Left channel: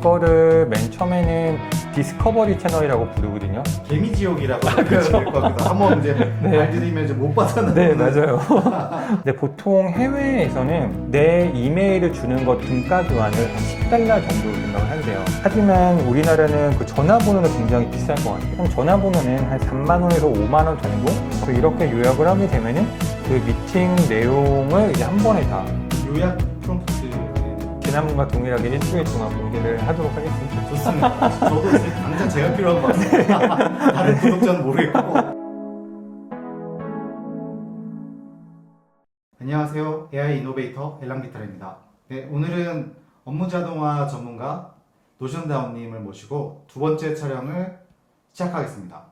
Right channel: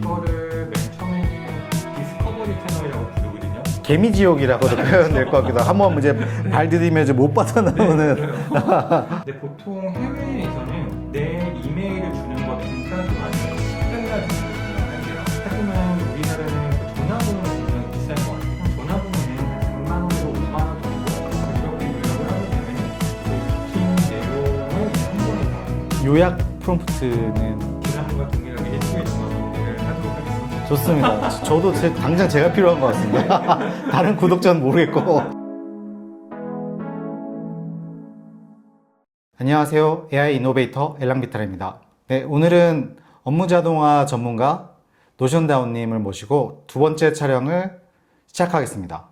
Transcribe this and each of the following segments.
이거를 맨 처음에는 디스커버리 채널이라고 부르거든요. 개미지옥이라고 표현해야 될 것 같기도 하고 한번 이제 발 디디면 이제 못 네, 벗어나는 맞아요. 근데 보통 해외에서는 내 이메일을 주는 것 등가 교환을 $10 정도 생각을 한대요. 하지만 우리나라는 그 전화번호는 굉장히 비쌀 것 같아요. 그럼 전화번호는 한 3만 원에서 5만 원 정도? 그래서 이렇게 요약을 하게 되면은 그 미팅 내용을 이제 한 번에 다 요약 프롬프트는 지난번과 동일하게 일주일 동안 공개를 하도록 하겠습니다. 좋습니다. 저도 당장 제가 필요한 것 같은데 다른 구독자는 모르겠고. 안녕하세요. AI 이노베이터 엘랑비탈입니다. 네, 오늘은 업무자동화 전문가 노션다운님을 모시고 두 번째 촬영을 시작하겠습니다.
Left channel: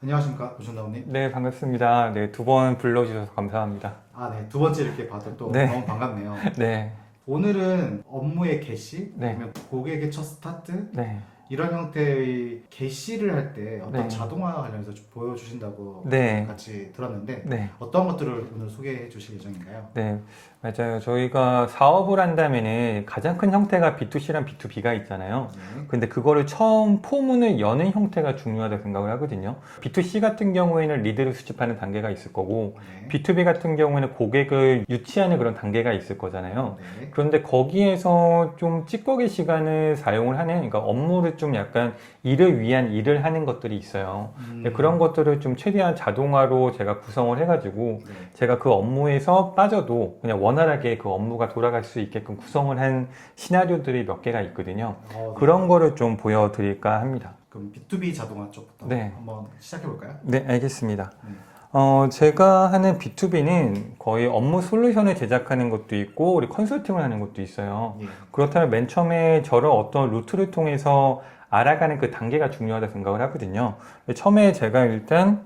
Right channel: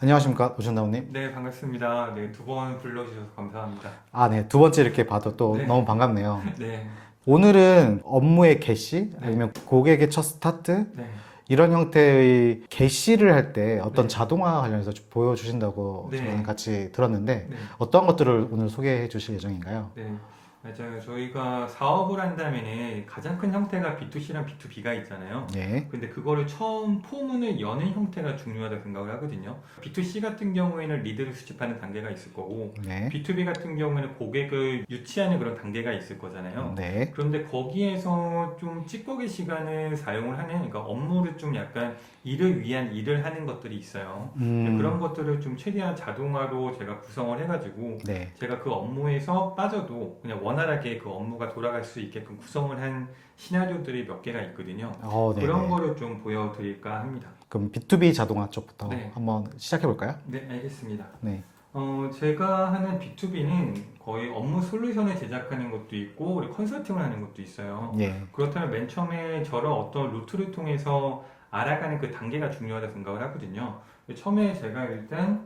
안녕하십니까, 노션다운님. 네, 반갑습니다. 네, 두 번 불러주셔서 감사합니다. 아, 네, 두 번째 이렇게 봐도 또 네. 너무 반갑네요. 네, 오늘은 업무의 개시, 네. 아니면 고객의 첫 스타트, 네. 이런 형태의 개시를 할 때 어떤 네. 자동화 관련해서 좀 보여주신다고 네. 저는 같이 들었는데 네. 어떤 것들을 오늘 소개해 주실 예정인가요? 네, 맞아요. 저희가 사업을 한다면은 가장 큰 형태가 B2C랑 B2B가 있잖아요. 네. 근데 그거를 처음 포문을 여는 형태가 중요하다고 생각을 하거든요. B2C 같은 경우에는 리드를 수집하는 단계가 있을 거고, 네. B2B 같은 경우에는 고객을 유치하는 그런 단계가 있을 거잖아요. 네. 그런데 거기에서 좀 찌꺼기 시간을 사용을 하는, 그러니까 업무를 좀 약간 일을 위한 일을 하는 것들이 있어요. 그런 것들을 좀 최대한 자동화로 제가 구성을 해가지고, 네. 제가 그 업무에서 빠져도 그냥 원활하게 그 업무가 돌아갈 수 있게끔 구성을 한 시나리오들이 몇 개가 있거든요. 네. 그런 거를 좀 보여드릴까 합니다. 그럼 B2B 자동화 쪽부터 네. 한번 시작해 볼까요? 네, 알겠습니다. 네. 제가 하는 B2B는 거의 업무 솔루션을 제작하는 것도 있고, 우리 컨설팅을 하는 것도 있어요. 예. 그렇다면 맨 처음에 저를 어떤 루트를 통해서 알아가는 그 단계가 중요하다고 생각을 하거든요. 처음에 제가 일단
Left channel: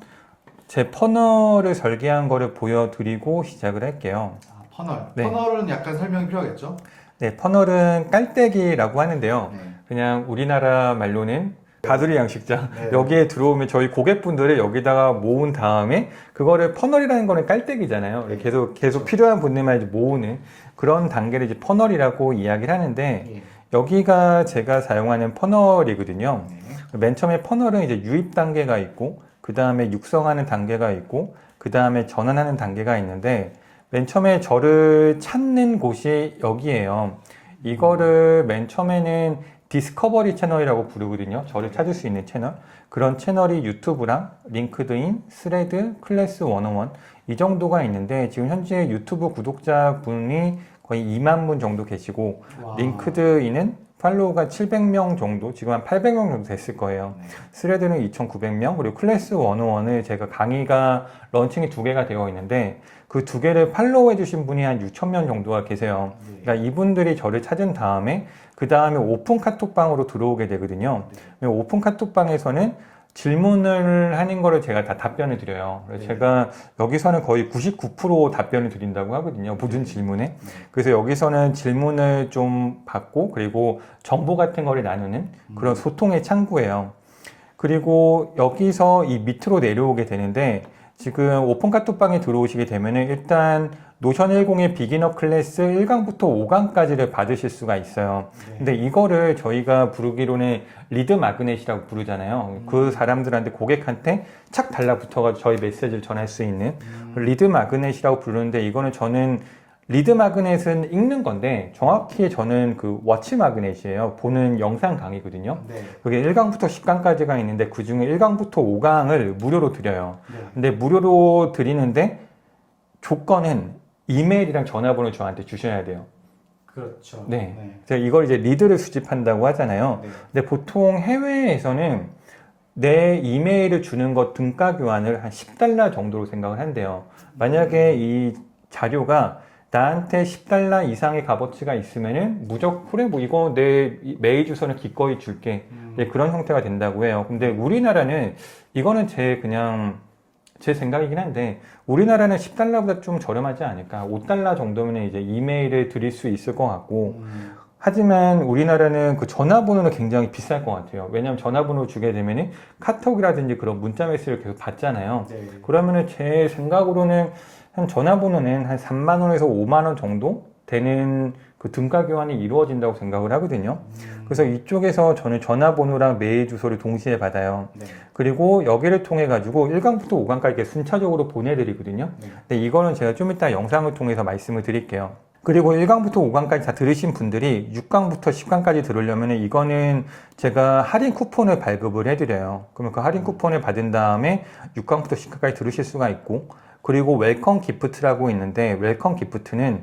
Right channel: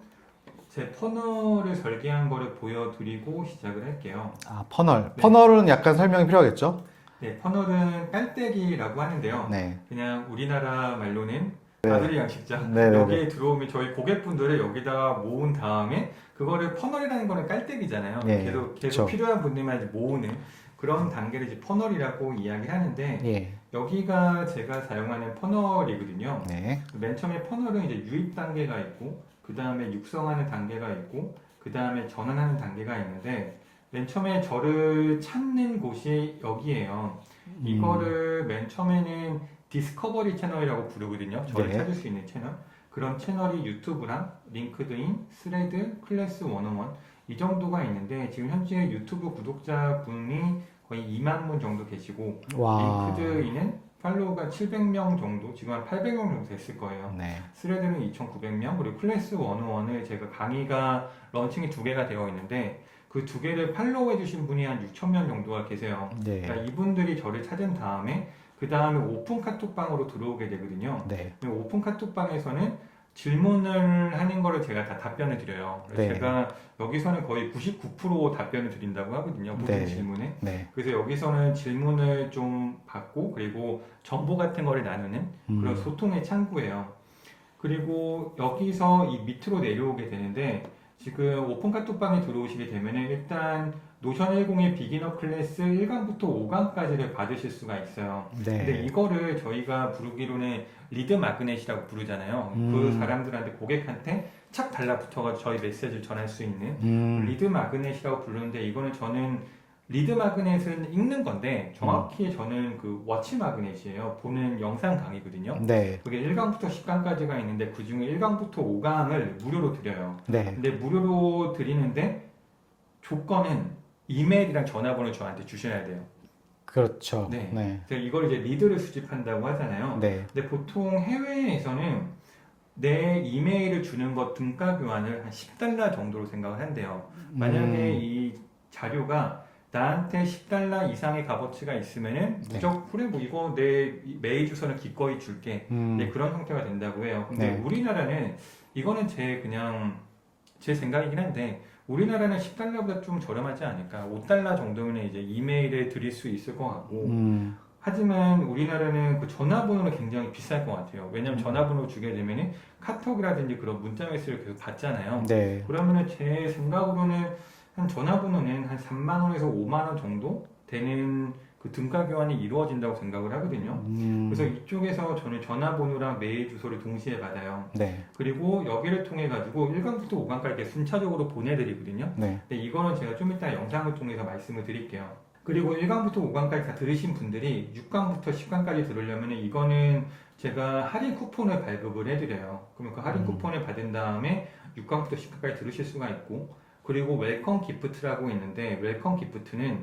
제 퍼널을 설계한 거를 보여드리고 시작을 할게요. 아, 퍼널. 네. 퍼널은 약간 설명이 필요하겠죠? 네, 퍼널은 깔때기라고 하는데요. 네. 그냥 우리나라 말로는 가두리 양식장. 네, 네, 여기에 들어오면 저희 고객분들을 여기다가 모은 다음에 그거를 퍼널이라는 거는 깔때기잖아요. 네, 계속 그렇죠. 필요한 분들만 이제 모으는 그런 단계를 이제 퍼널이라고 이야기를 하는데, 예. 여기가 제가 사용하는 퍼널이거든요. 네. 맨 처음에 퍼널은 이제 유입 단계가 있고, 그 다음에 육성하는 단계가 있고, 그 다음에 전환하는 단계가 있는데, 맨 처음에 저를 찾는 곳이 여기에요. 이거를 맨 처음에는 디스커버리 채널이라고 부르거든요. 저를 네. 찾을 수 있는 채널. 그런 채널이 유튜브랑 링크드인, 스레드, 클래스 101 이 정도가 있는데, 지금 현재 유튜브 구독자분이 거의 2만 분 정도 계시고, 와. 링크드인은 팔로우가 700명 정도, 지금 한 800명 정도 됐을 거예요. 네. 스레드는 2,900명, 그리고 클래스 101을 제가 강의가 런칭이 2개가 되어 있는데, 그 2개를 팔로우 해주신 분이 한 6,000명 정도가 계세요. 네. 그러니까 이분들이 저를 찾은 다음에, 그 다음에 오픈 카톡방으로 들어오게 되거든요. 네. 오픈 카톡방에서는 질문을 하는 거를 제가 다 답변을 드려요. 그래서 네. 제가 여기서는 거의 99% 답변을 드린다고 하거든요. 모든 네. 질문에. 네. 그래서 여기서는 질문을 좀 받고, 그리고 정보 같은 거를 나누는 그런 소통의 창구예요. 그리고 여기서 이 밑으로 내려오게 되는데, 지금 오픈 카톡방에 들어오시게 되면은 일단 노션 10의 비기너 클래스 1강부터 5강까지를 받으실 수가 있어요. 네. 근데 이거를 저희가 부르기로는 리드 마그넷이라고 부르잖아요. 그 사람들한테, 고객한테 착 달라붙어가지고 저희 메시지를 전할 수 있는 리드 마그넷이라고 부르는데, 이거는 저는 리드 마그넷은 읽는 건데 정확히 저는 그 워치 마그넷이에요. 보는 영상 강의거든요. 네. 여기 1강부터 10강까지가 있는데, 그 중에 1강부터 5강을 무료로 드려요. 네. 근데 무료로 드리는데 조건은 이메일이랑 전화번호 저한테 주셔야 돼요. 그렇죠. 네. 네. 제가 이걸 이제 리드를 수집한다고 하잖아요. 네. 근데 보통 해외에서는 내 이메일을 주는 것 등가 교환을 한 $10 정도로 생각을 한대요. 만약에 이 자료가 나한테 $10 이상의 값어치가 있으면은 무조건 그래, 뭐 이거 내 메일 주소는 기꺼이 줄게. 네, 그런 형태가 된다고 해요. 근데 네. 우리나라는 이거는 제 생각이긴 한데, 우리나라는 $10보다 좀 저렴하지 않을까. $5 정도면 이제 이메일을 드릴 수 있을 것 같고, 하지만 우리나라는 그 전화번호는 굉장히 비쌀 것 같아요. 왜냐하면 전화번호 주게 되면은 카톡이라든지 그런 문자 메시지를 계속 받잖아요. 네. 그러면은 제 생각으로는 한 전화번호는 한 3만 원에서 5만 원 정도 되는 그 등가 교환이 이루어진다고 생각을 하거든요. 그래서 이쪽에서 저는 전화번호랑 메일 주소를 동시에 받아요. 네. 그리고 여기를 통해 가지고 1강부터 5강까지 이렇게 순차적으로 보내드리거든요. 네. 근데 이거는 제가 좀 이따 영상을 통해서 말씀을 드릴게요. 그리고 1강부터 5강까지 다 들으신 분들이 6강부터 10강까지 들으려면 이거는 제가 할인 쿠폰을 발급을 해드려요. 그러면 그 할인 쿠폰을 받은 다음에 6강부터 10강까지 들으실 수가 있고, 그리고 웰컴 기프트라고 있는데, 웰컴 기프트는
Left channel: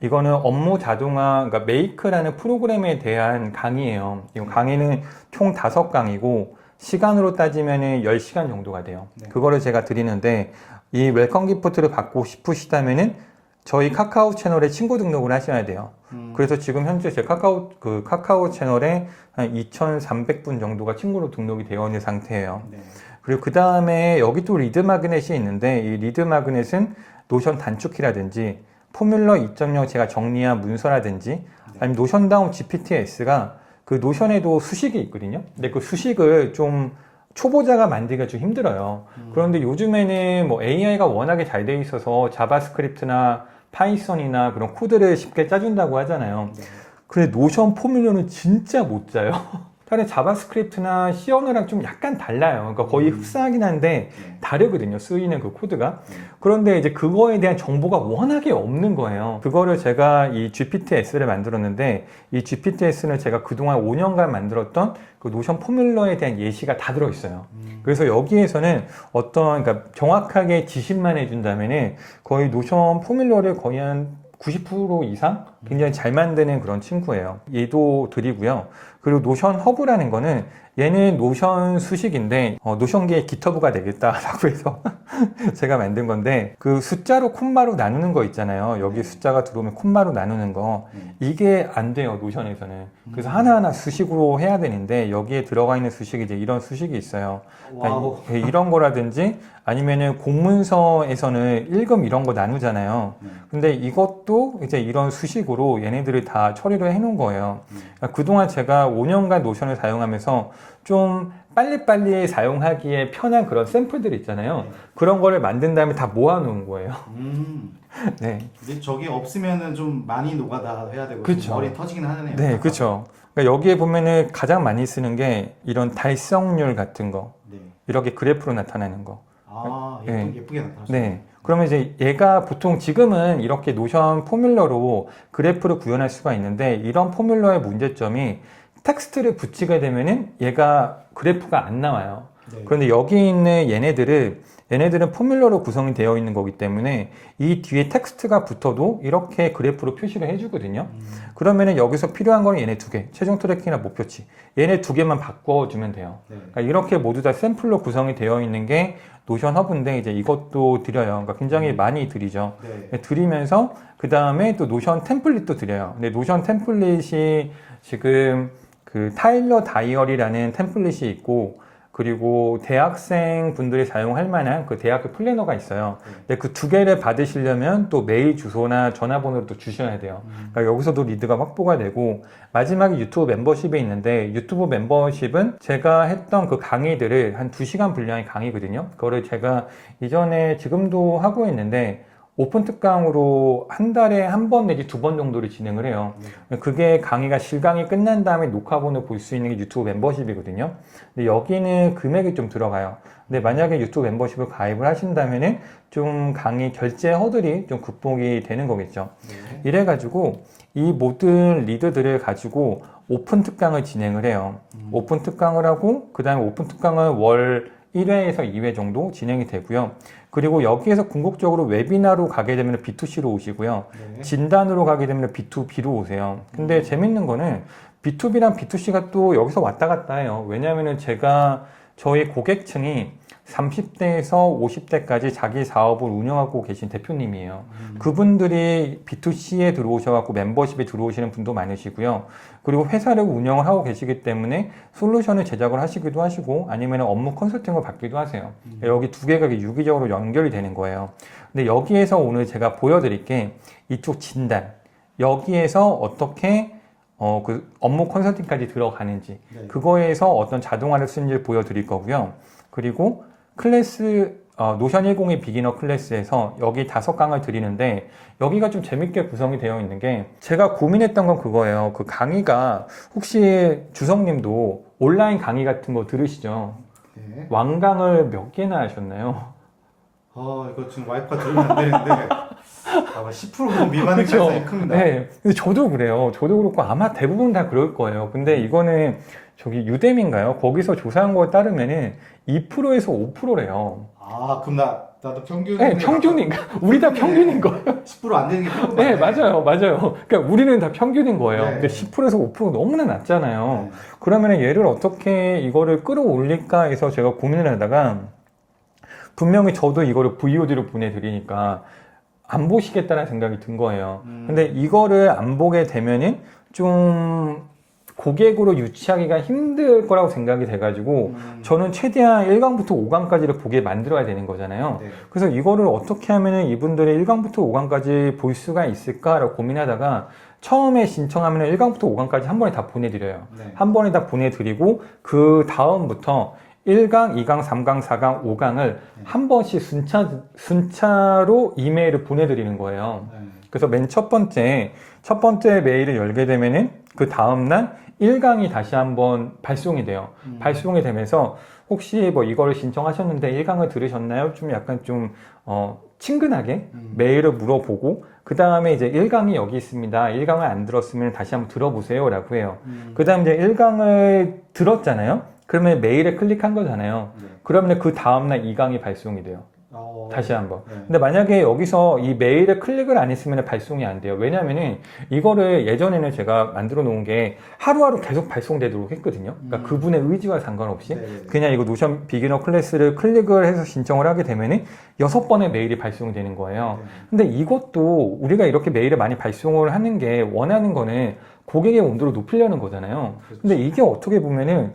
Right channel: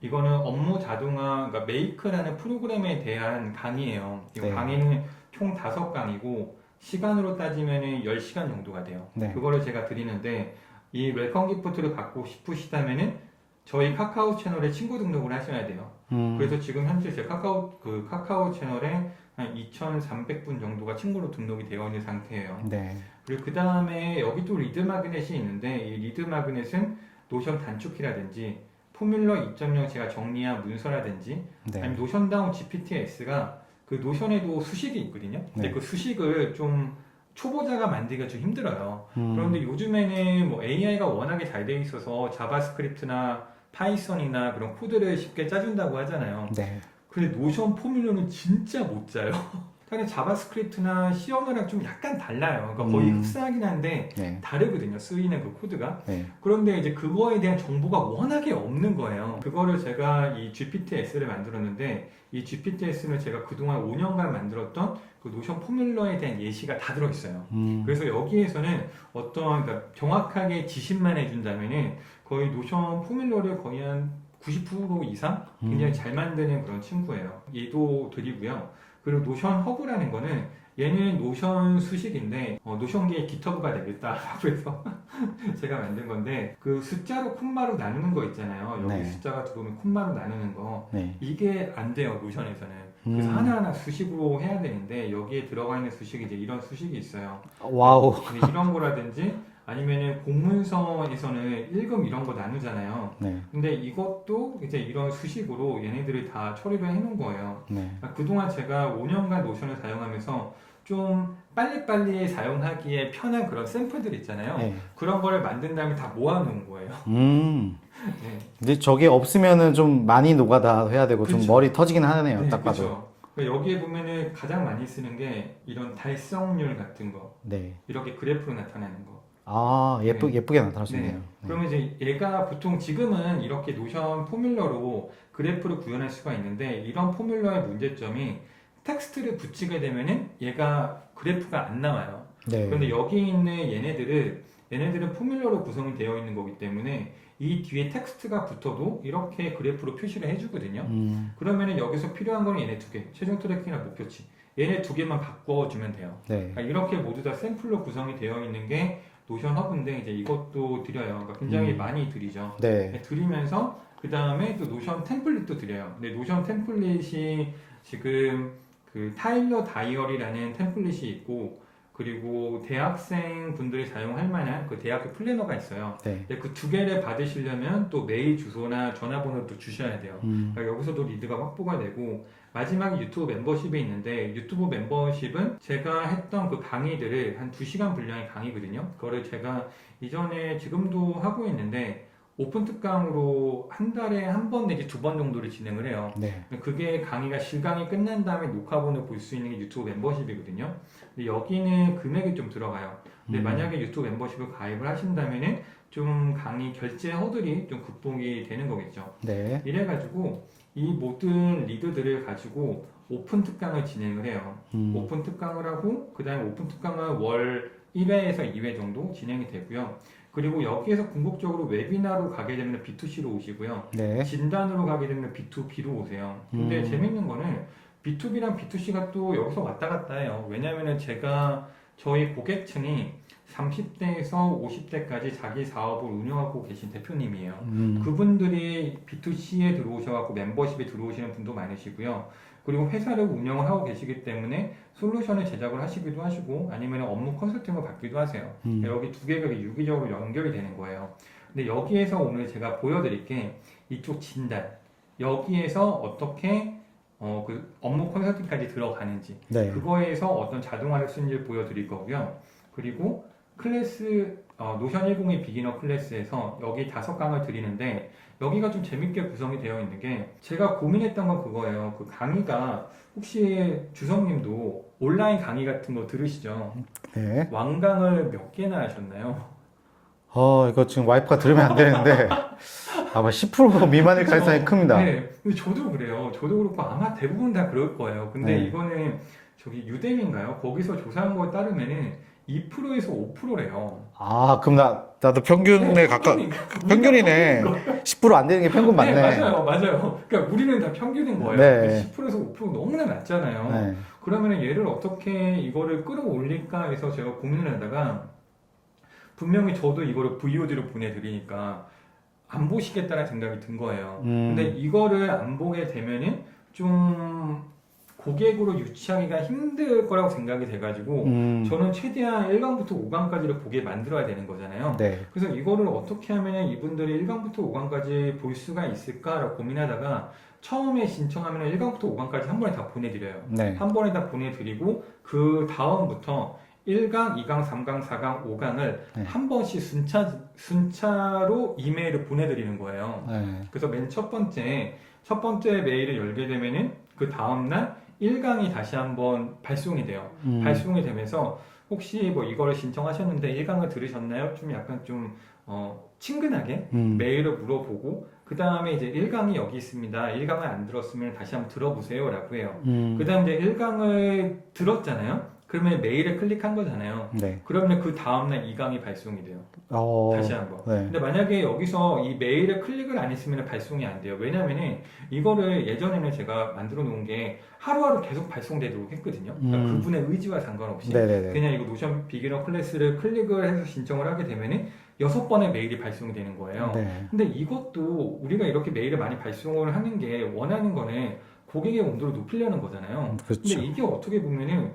이거는 업무 자동화, 그러니까 메이크라는 프로그램에 대한 강의예요. 이 네. 강의는 총 5강이고 시간으로 따지면 10시간 정도가 돼요. 네. 그거를 제가 드리는데, 이 웰컴 기프트를 받고 싶으시다면은 저희 카카오 채널에 친구 등록을 하셔야 돼요. 그래서 지금 현재 제 카카오 채널에 한 2,300분 정도가 친구로 등록이 되어 있는 상태예요. 네. 그리고 그 다음에 여기 또 리드 마그넷이 있는데, 이 리드 마그넷은 노션 단축키라든지 포뮬러 2.0 제가 정리한 문서라든지 네. 아니면 노션다운 GPTS가 그 노션에도 수식이 있거든요. 근데 네. 그 수식을 좀 초보자가 만들기가 좀 힘들어요. 그런데 요즘에는 뭐 AI가 워낙에 잘 돼 있어서 자바스크립트나 파이썬이나 그런 코드를 쉽게 짜준다고 하잖아요. 네. 근데 노션 포뮬러는 진짜 못 짜요. 다른 자바스크립트나 C 언어랑 좀 약간 달라요. 그러니까 거의 흡사하긴 한데 네. 다르거든요. 쓰이는 그 코드가. 네. 그런데 이제 그거에 대한 정보가 워낙에 없는 거예요. 그거를 제가 이 GPTS를 만들었는데, 이 GPTS는 제가 그동안 5년간 만들었던 그 노션 포뮬러에 대한 예시가 다 들어있어요. 그래서 여기에서는 어떤, 그러니까 정확하게 지시만 해준다면은 거의 노션 포뮬러를 거의 한 90% 이상 굉장히 잘 만드는 그런 친구예요. 얘도 드리고요. 그리고 노션 허브라는 거는 얘는 노션 수식인데 노션계의 기터브가 되겠다라고 해서 제가 만든 건데, 그 숫자로 콤마로 나누는 거 있잖아요. 여기 네. 숫자가 들어오면 콤마로 나누는 거, 네. 이게 안 돼요, 노션에서는. 그래서 하나하나 수식으로 해야 되는데, 여기에 들어가 있는 수식이 이제 이런 수식이 있어요. 와우. 네, 이런 거라든지 아니면은 공문서에서는 읽음 이런 거 나누잖아요. 네. 근데 이것도 이제 이런 수식으로 얘네들이 다 처리를 해 놓은 거예요. 네. 그러니까 그동안 제가 5년간 노션을 사용하면서 좀 빨리빨리 사용하기에 편한 그런 샘플들 있잖아요. 네. 그런 거를 만든 다음에 다 모아 놓은 거예요. 네. 근데 저게 없으면은 좀 많이 노가다 해야 되고 좀 그쵸. 머리 터지긴 하네요. 네, 딱 봐도. 그렇죠. 그러니까 여기에 보면은 가장 많이 쓰는 게 이런 달성률 같은 거, 네. 이렇게 그래프로 나타나는 거. 아, 네. 예쁘게 나타났어요. 네. 그러면 이제 얘가 보통 지금은 이렇게 노션 포뮬러로 그래프를 구현할 수가 있는데, 이런 포뮬러의 문제점이 텍스트를 붙이게 되면은 얘가 그래프가 안 나와요. 네. 그런데 여기 있는 얘네들은 포뮬러로 구성이 되어 있는 거기 때문에 이 뒤에 텍스트가 붙어도 이렇게 그래프로 표시를 해주거든요. 그러면은 여기서 필요한 거는 얘네 두 개, 최종 트래킹이나 목표치, 얘네 두 개만 바꿔주면 돼요. 네. 그러니까 이렇게 모두 다 샘플로 구성이 되어 있는 게 노션 허브인데, 이제 이것도 드려요. 그러니까 굉장히 많이 드리죠. 네. 드리면서 그 다음에 또 노션 템플릿도 드려요. 근데 노션 템플릿이 지금 그 타일러 다이어리라는 템플릿이 있고, 그리고 대학생 분들이 사용할 만한 그 대학교 플래너가 있어요. 네. 근데 그 두 개를 받으시려면 또 메일 주소나 전화번호를 또 주셔야 돼요. 그러니까 여기서도 리드가 확보가 되고, 마지막에 유튜브 membership에 있는데, 유튜브 멤버십은 제가 했던 그 강의들을 한 2시간 분량의 강의거든요. 그거를 제가 이전에 지금도 하고 있는데 오픈 특강으로 한 달에 한 번 내지 2번 정도를 진행을 해요. 네. 그게 강의가 실강이 끝난 다음에 녹화본을 볼 수 있는 게 유튜브 멤버십이거든요. 근데 여기는 금액이 좀 들어가요. 근데 만약에 유튜브 멤버십을 가입을 하신다면은 좀 강의 결제 허들이 좀 극복이 되는 거겠죠. 네. 이래가지고 이 모든 리드들을 가지고 오픈 특강을 진행을 해요. 오픈 특강을 하고, 그 다음에 오픈 특강은 월 1회에서 2회 정도 진행이 되고요. 그리고 여기에서 궁극적으로 웨비나로 가게 되면 B2C로 오시고요. 네. 진단으로 가게 되면 B2B로 오세요. 근데 재밌는 거는 B2B랑 B2C가 또 여기서 왔다 갔다 해요. 왜냐면은 저희 고객층이 30대에서 50대까지 자기 사업을 운영하고 계신 대표님이에요. 그분들이 B2C에 들어오셔갖고 멤버십에 들어오시는 분도 많으시고요. 그리고 회사를 운영을 하고 계시기 때문에 솔루션을 제작을 하시기도 하시고, 아니면 업무 컨설팅을 받기도 하세요. 여기 두 개가 유기적으로 연결이 되는 거예요. 근데 여기에서 오늘 제가 보여드릴 게 이쪽 진단, 여기에서 어떻게 그 업무 컨설팅까지 들어가는지, 네. 그거에서 어떤 자동화를 쓰는지를 보여드릴 거고요. 그리고 클래스 노션 102 비기너 클래스에서 여기 5강을 드리는데 여기가 좀 재밌게 구성이 되어 있는 게 제가 고민했던 건 그거예요. 그 강의가 혹시 주성님도 온라인 강의 같은 거 들으시죠? 네. 완강을 몇 개나 하셨나요? 이거 지금 와이프가 들으면 안 되는데 아마 10% 미만의 그쵸? 차이가 큽니다. 네, 근데 저도 그래요. 저도 그렇고 아마 대부분 다 그럴 거예요. 근데 이거는 저기 유뎀인가요? 거기서 조사한 거에 따르면은 2%에서 5%래요. 그럼 나도 평균에 네, 평균인가? 우리 다 평균인 거예요. 10%안 되는 게 평균 맞네. 네, 맞아요. 그러니까 우리는 다 평균인 거예요. 네. 근데 10%에서 5% 너무나 낮잖아요. 네. 그러면 얘를 어떻게 이거를 끌어올릴까 해서 제가 고민을 하다가 분명히 저도 이거를 VOD로 보내드리니까 안 보시겠다는 생각이 든 거예요. 근데 이거를 안 보게 되면은 좀 고객으로 유치하기가 힘들 거라고 생각이 돼가지고 저는 최대한 1강부터 5강까지를 보게 만들어야 되는 거잖아요. 네. 그래서 이거를 어떻게 하면 이분들이 1강부터 5강까지 볼 수가 있을까라고 고민하다가 처음에 신청하면 1강부터 5강까지 한 번에 다 보내드려요. 네. 한 번에 다 보내드리고 그 다음부터 1강, 2강, 3강, 4강, 5강을 한 번씩 순차로 이메일을 보내드리는 거예요. 네. 그래서 맨 첫 번째 메일을 열게 되면은 그 다음날 1강이 다시 한번 발송이 돼요. 발송이 되면서 혹시 뭐 이거를 신청하셨는데 1강을 들으셨나요? 좀 약간 좀 친근하게 메일을 물어보고 그 다음에 이제 1강이 여기 있습니다. 1강을 안 들었으면 다시 한번 들어보세요 라고 해요. 그 다음 이제 1강을 들었잖아요. 그러면 메일에 클릭한 거잖아요. 네. 그러면 그 다음날 2강이 발송이 돼요. 다시 한번. 네. 근데 만약에 여기서 이 메일에 클릭을 안 했으면 발송이 안 돼요. 왜냐면은 이거를 예전에는 제가 만들어 놓은 게 하루하루 계속 발송되도록 했거든요. 그러니까 그분의 의지와 상관없이 네네네. 그냥 이거 노션 비기너 클래스를 클릭을 해서 신청을 하게 되면은 6번의 메일이 발송이 되는 거예요. 네. 근데 이것도 우리가 이렇게 메일을 많이 발송을 하는 게 원하는 거는 고객의 온도를 높이려는 거잖아요. 그렇죠. 근데 이게 어떻게 보면은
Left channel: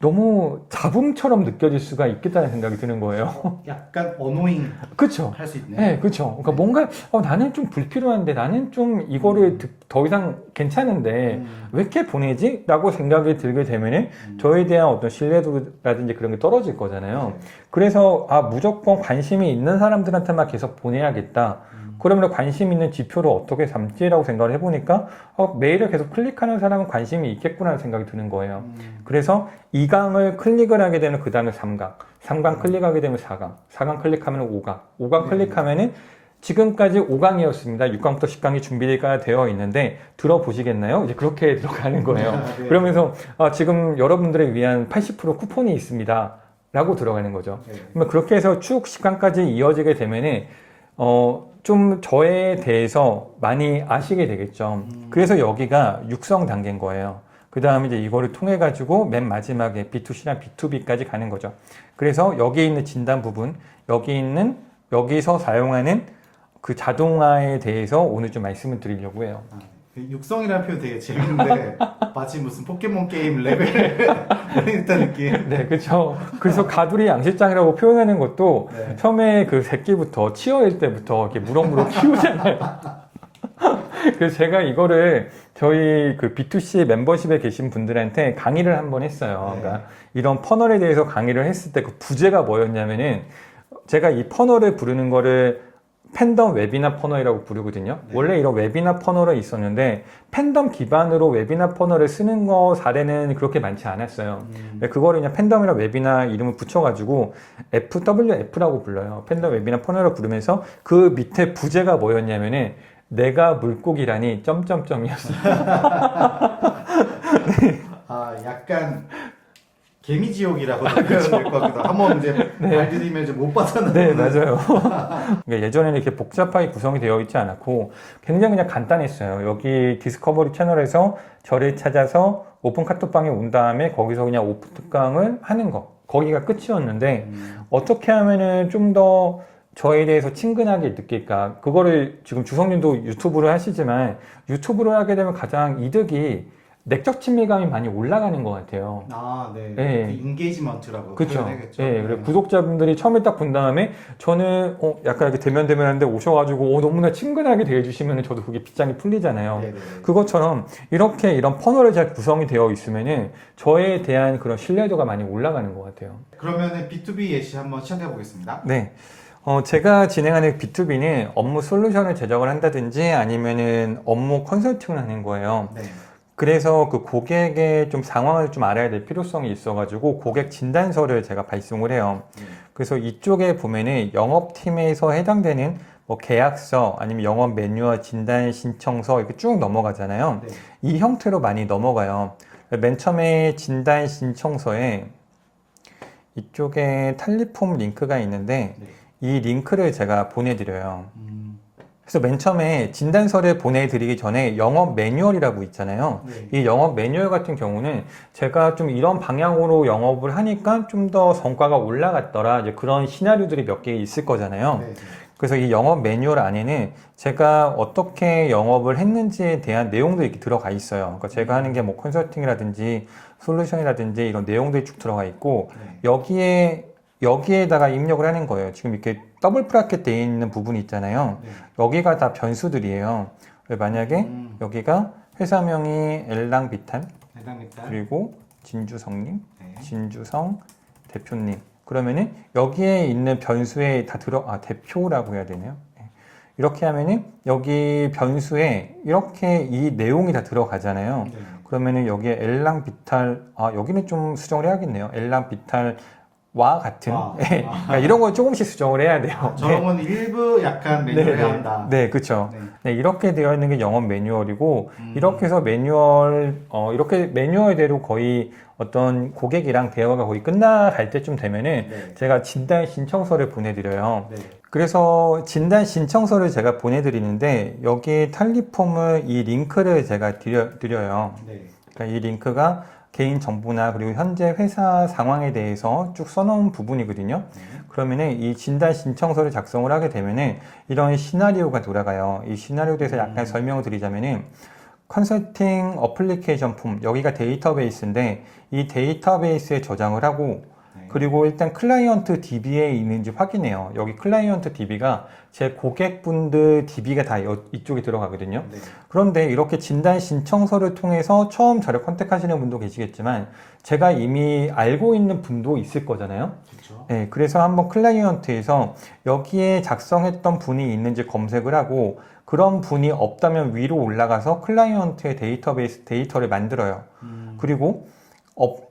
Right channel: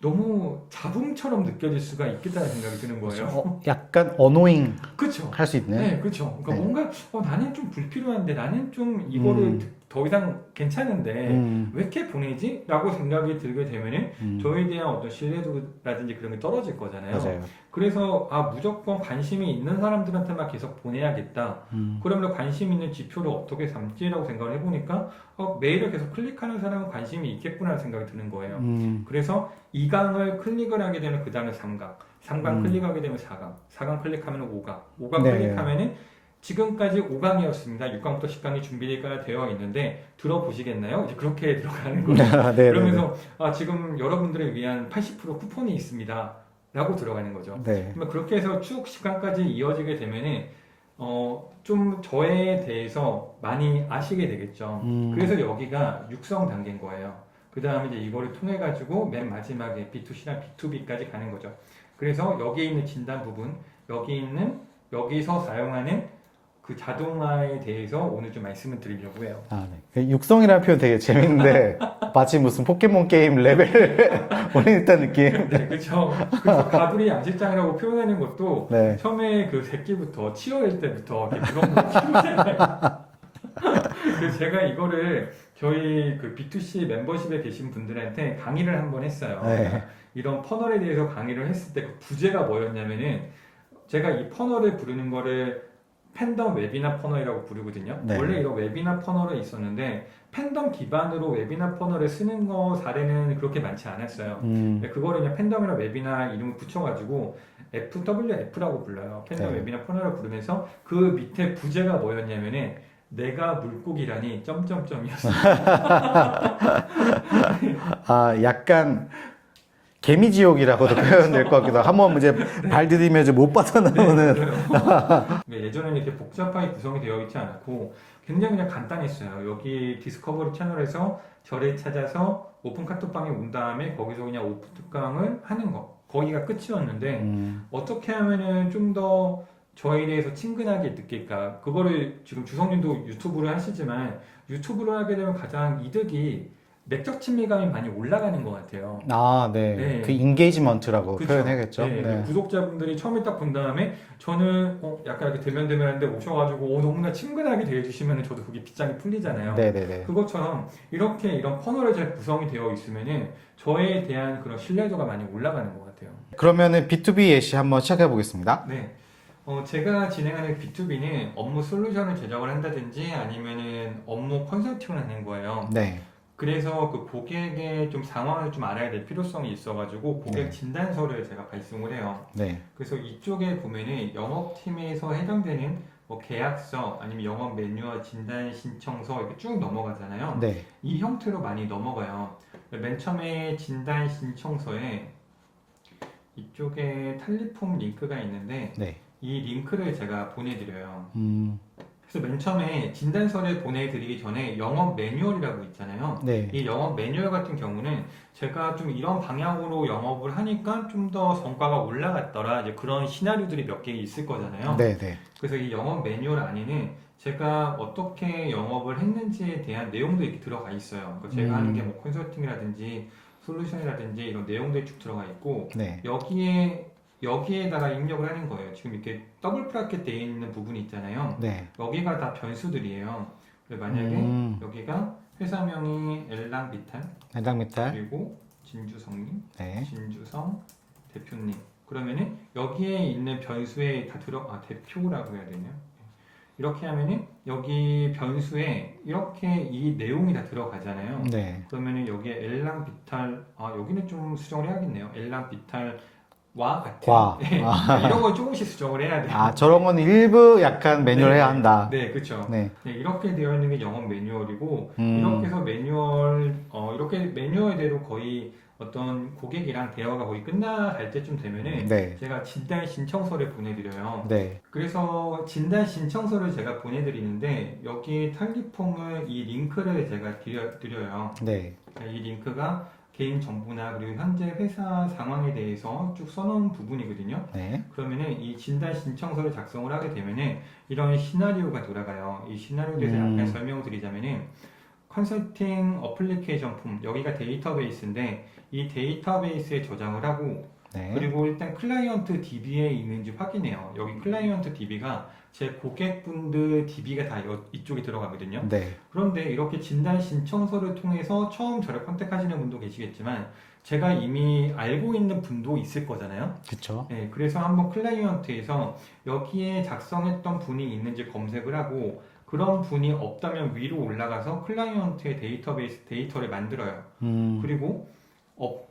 너무 잡음처럼 느껴질 수가 있겠다는 생각이 드는 거예요. 약간 어노잉 그렇죠. 할 수 있네. 네, 그렇죠. 그러니까 네. 뭔가 나는 좀 불필요한데 나는 좀 이거를 더 이상 괜찮은데 왜 이렇게 보내지? 라고 생각이 들게 되면은 저에 대한 어떤 신뢰도라든지 그런 게 떨어질 거잖아요. 맞아요. 그래서 무조건 관심이 있는 사람들한테만 계속 보내야겠다. 그러면 관심 있는 지표를 어떻게 삼지라고 생각을 해보니까 메일을 계속 클릭하는 사람은 관심이 있겠구나 생각이 드는 거예요. 그래서 2강을 클릭을 하게 되면 그 다음에 3강, 3강 클릭하게 되면 4강, 4강 클릭하면 5강, 5강 네. 클릭하면은 지금까지 5강이었습니다. 6강부터 10강이 준비가 되어 있는데 들어보시겠나요? 이제 그렇게 들어가는 거예요. 네, 그러면서 지금 여러분들을 위한 80% 쿠폰이 있습니다. 라고 들어가는 거죠. 네. 그러면 그렇게 해서 쭉 10강까지 이어지게 되면은 좀 저에 대해서 많이 아시게 되겠죠. 그래서 여기가 육성 단계인 거예요. 그 다음에 이제 이거를 통해 가지고 맨 마지막에 B2C랑 B2B까지 가는 거죠. 그래서 여기 있는 진단 부분, 여기서 사용하는 그 자동화에 대해서 오늘 좀 말씀을 드리려고 해요. 네. 육성이라는 표현 되게 재밌는데 마치 무슨 포켓몬 게임 레벨 보내겠다는 느낌. 네, 그렇죠. 그래서 가두리 양실장이라고 표현하는 것도 네. 처음에 그 새끼부터 치어일 때부터 이렇게 무럭무럭 키우잖아요. 그래서 제가 이거를 저희 그 B2C 멤버십에 계신 분들한테 강의를 한번 했어요. 네. 그러니까 이런 퍼널에 대해서 강의를 했을 때 그 부제가 뭐였냐면은 제가 이 퍼널을 부르는 거를 팬덤 웨비나 퍼널이라고 부르거든요. 네. 원래 이런 웨비나 퍼널이 있었는데 팬덤 기반으로 웨비나 퍼널을 쓰는 거 사례는 그렇게 많지 않았어요. 그거를 그냥 팬덤이나 웨비나 이름을 붙여가지고 FWF라고 불러요. 팬덤 네. 웨비나 퍼널을 부르면서 그 밑에 부제가 뭐였냐면은 내가 물고기라니 점점점이었어요. 약간 개미지옥이라고도 표현이 될 것 같기도 하고 한번 이제 발 디디면 이제 못 네, 빠져나오는. 맞아요. 그러니까 예전에는 이렇게 복잡하게 구성이 되어 있지 않았고 굉장히 그냥 간단했어요. 여기 디스커버리 채널에서 저를 찾아서 오픈 카톡방에 온 다음에 거기서 그냥 오픈 특강을 하는 거. 거기가 끝이었는데 어떻게 하면은 좀 더 저에 대해서 친근하게 느낄까? 그거를 지금 주성님도 유튜브를 하시지만 유튜브를 하게 되면 가장 이득이 내적 친밀감이 많이 올라가는 것 같아요. 아, 네. 네. 그 인게이지먼트라고 그쵸. 표현해야겠죠. 예, 네. 구독자분들이 처음에 딱 본 다음에 저는 약간 이렇게 대면대면한데 오셔가지고 너무나 친근하게 대해주시면 저도 그게 빗장이 풀리잖아요. 네네네. 그것처럼 이렇게 이런 퍼널이 잘 구성이 되어 있으면은 저에 대한 그런 신뢰도가 많이 올라가는 것 같아요. 그러면은 B2B 예시 한번 시작해 보겠습니다. 네. 제가 진행하는 B2B는 업무 솔루션을 제작을 한다든지 아니면은 업무 컨설팅을 하는 거예요. 네. 그래서 그 고객의 좀 상황을 좀 알아야 될 필요성이 있어가지고 고객 진단서를 제가 발송을 해요. 네. 그래서 이쪽에 보면은 영업팀에서 해당되는 뭐 계약서 아니면 영업 매뉴얼 진단 신청서 이렇게 쭉 넘어가잖아요. 네. 이 형태로 많이 넘어가요. 맨 처음에 진단 신청서에 이쪽에 탈리폼 링크가 있는데 네. 이 링크를 제가 보내드려요. 음, 그래서 맨 처음에 진단서를 보내드리기 전에 영업 매뉴얼이라고 있잖아요. 네. 이 영업 매뉴얼 같은 경우는 제가 좀 이런 방향으로 영업을 하니까 좀 더 성과가 올라갔더라. 이제 그런 시나리오들이 몇 개 있을 거잖아요. 네. 네. 그래서 이 영업 매뉴얼 안에는 제가 어떻게 영업을 했는지에 대한 내용들이 이렇게 들어가 있어요. 그러니까 제가 하는 게 뭐 컨설팅이라든지 솔루션이라든지 이런 내용들이 쭉 들어가 있고 네. 여기에다가 입력을 하는 거예요. 지금 이렇게 더블 브라켓 되어 있는 부분이 있잖아요. 네. 여기가 다 변수들이에요. 만약에 여기가 회사명이 엘랑비탄 해당 메탈. 그리고 진주성님, 네. 진주성 대표님. 그러면은 여기에 있는 변수에 다 대표라고 해야 되네요. 네. 이렇게 하면은 여기 변수에 이렇게 이 내용이 다 들어가잖아요. 네. 그러면은 여기에 엘랑비탈, 여기는 좀 수정을 해야겠네요. 엘랑비탈과 같은. 와. 그러니까 이런 건 조금씩 수정을 해야 돼요. 아, 저런 건 일부 약간 매뉴얼 해야 한다. 네, 그렇죠. 네. 네, 이렇게 되어 있는 게 영업 매뉴얼이고 음. 이렇게 해서 이렇게 매뉴얼대로 거의 어떤 고객이랑 대화가 거의 끝나갈 때쯤 되면은 네. 제가 진단 신청서를 보내드려요. 네. 그래서 진단 신청서를 제가 보내드리는데 여기 탈리폼을 이 링크를 제가 드려요. 네. 그러니까 이 링크가 개인 정보나 그리고 현재 회사 상황에 대해서 쭉 써놓은 부분이거든요. 네. 그러면은 이 진단 신청서를 작성을 하게 되면은 이런 시나리오가 돌아가요. 이 시나리오에 대해서 약간 설명을 드리자면은 컨설팅 어플리케이션 폼 여기가 데이터베이스인데 이 데이터베이스에 저장을 하고 네. 그리고 일단 클라이언트 DB에 있는지 확인해요. 여기 클라이언트 DB가 제 고객분들 DB가 다 이쪽에 들어가거든요. 네. 그런데 이렇게 진단 신청서를 통해서 처음 저를 컨택하시는 분도 계시겠지만 제가 이미 알고 있는 분도 있을 거잖아요. 그렇죠. 네, 그래서 한번 클라이언트에서 여기에 작성했던 분이 있는지 검색을 하고 그런 분이 없다면 위로 올라가서 클라이언트의 데이터베이스 데이터를 만들어요. 그리고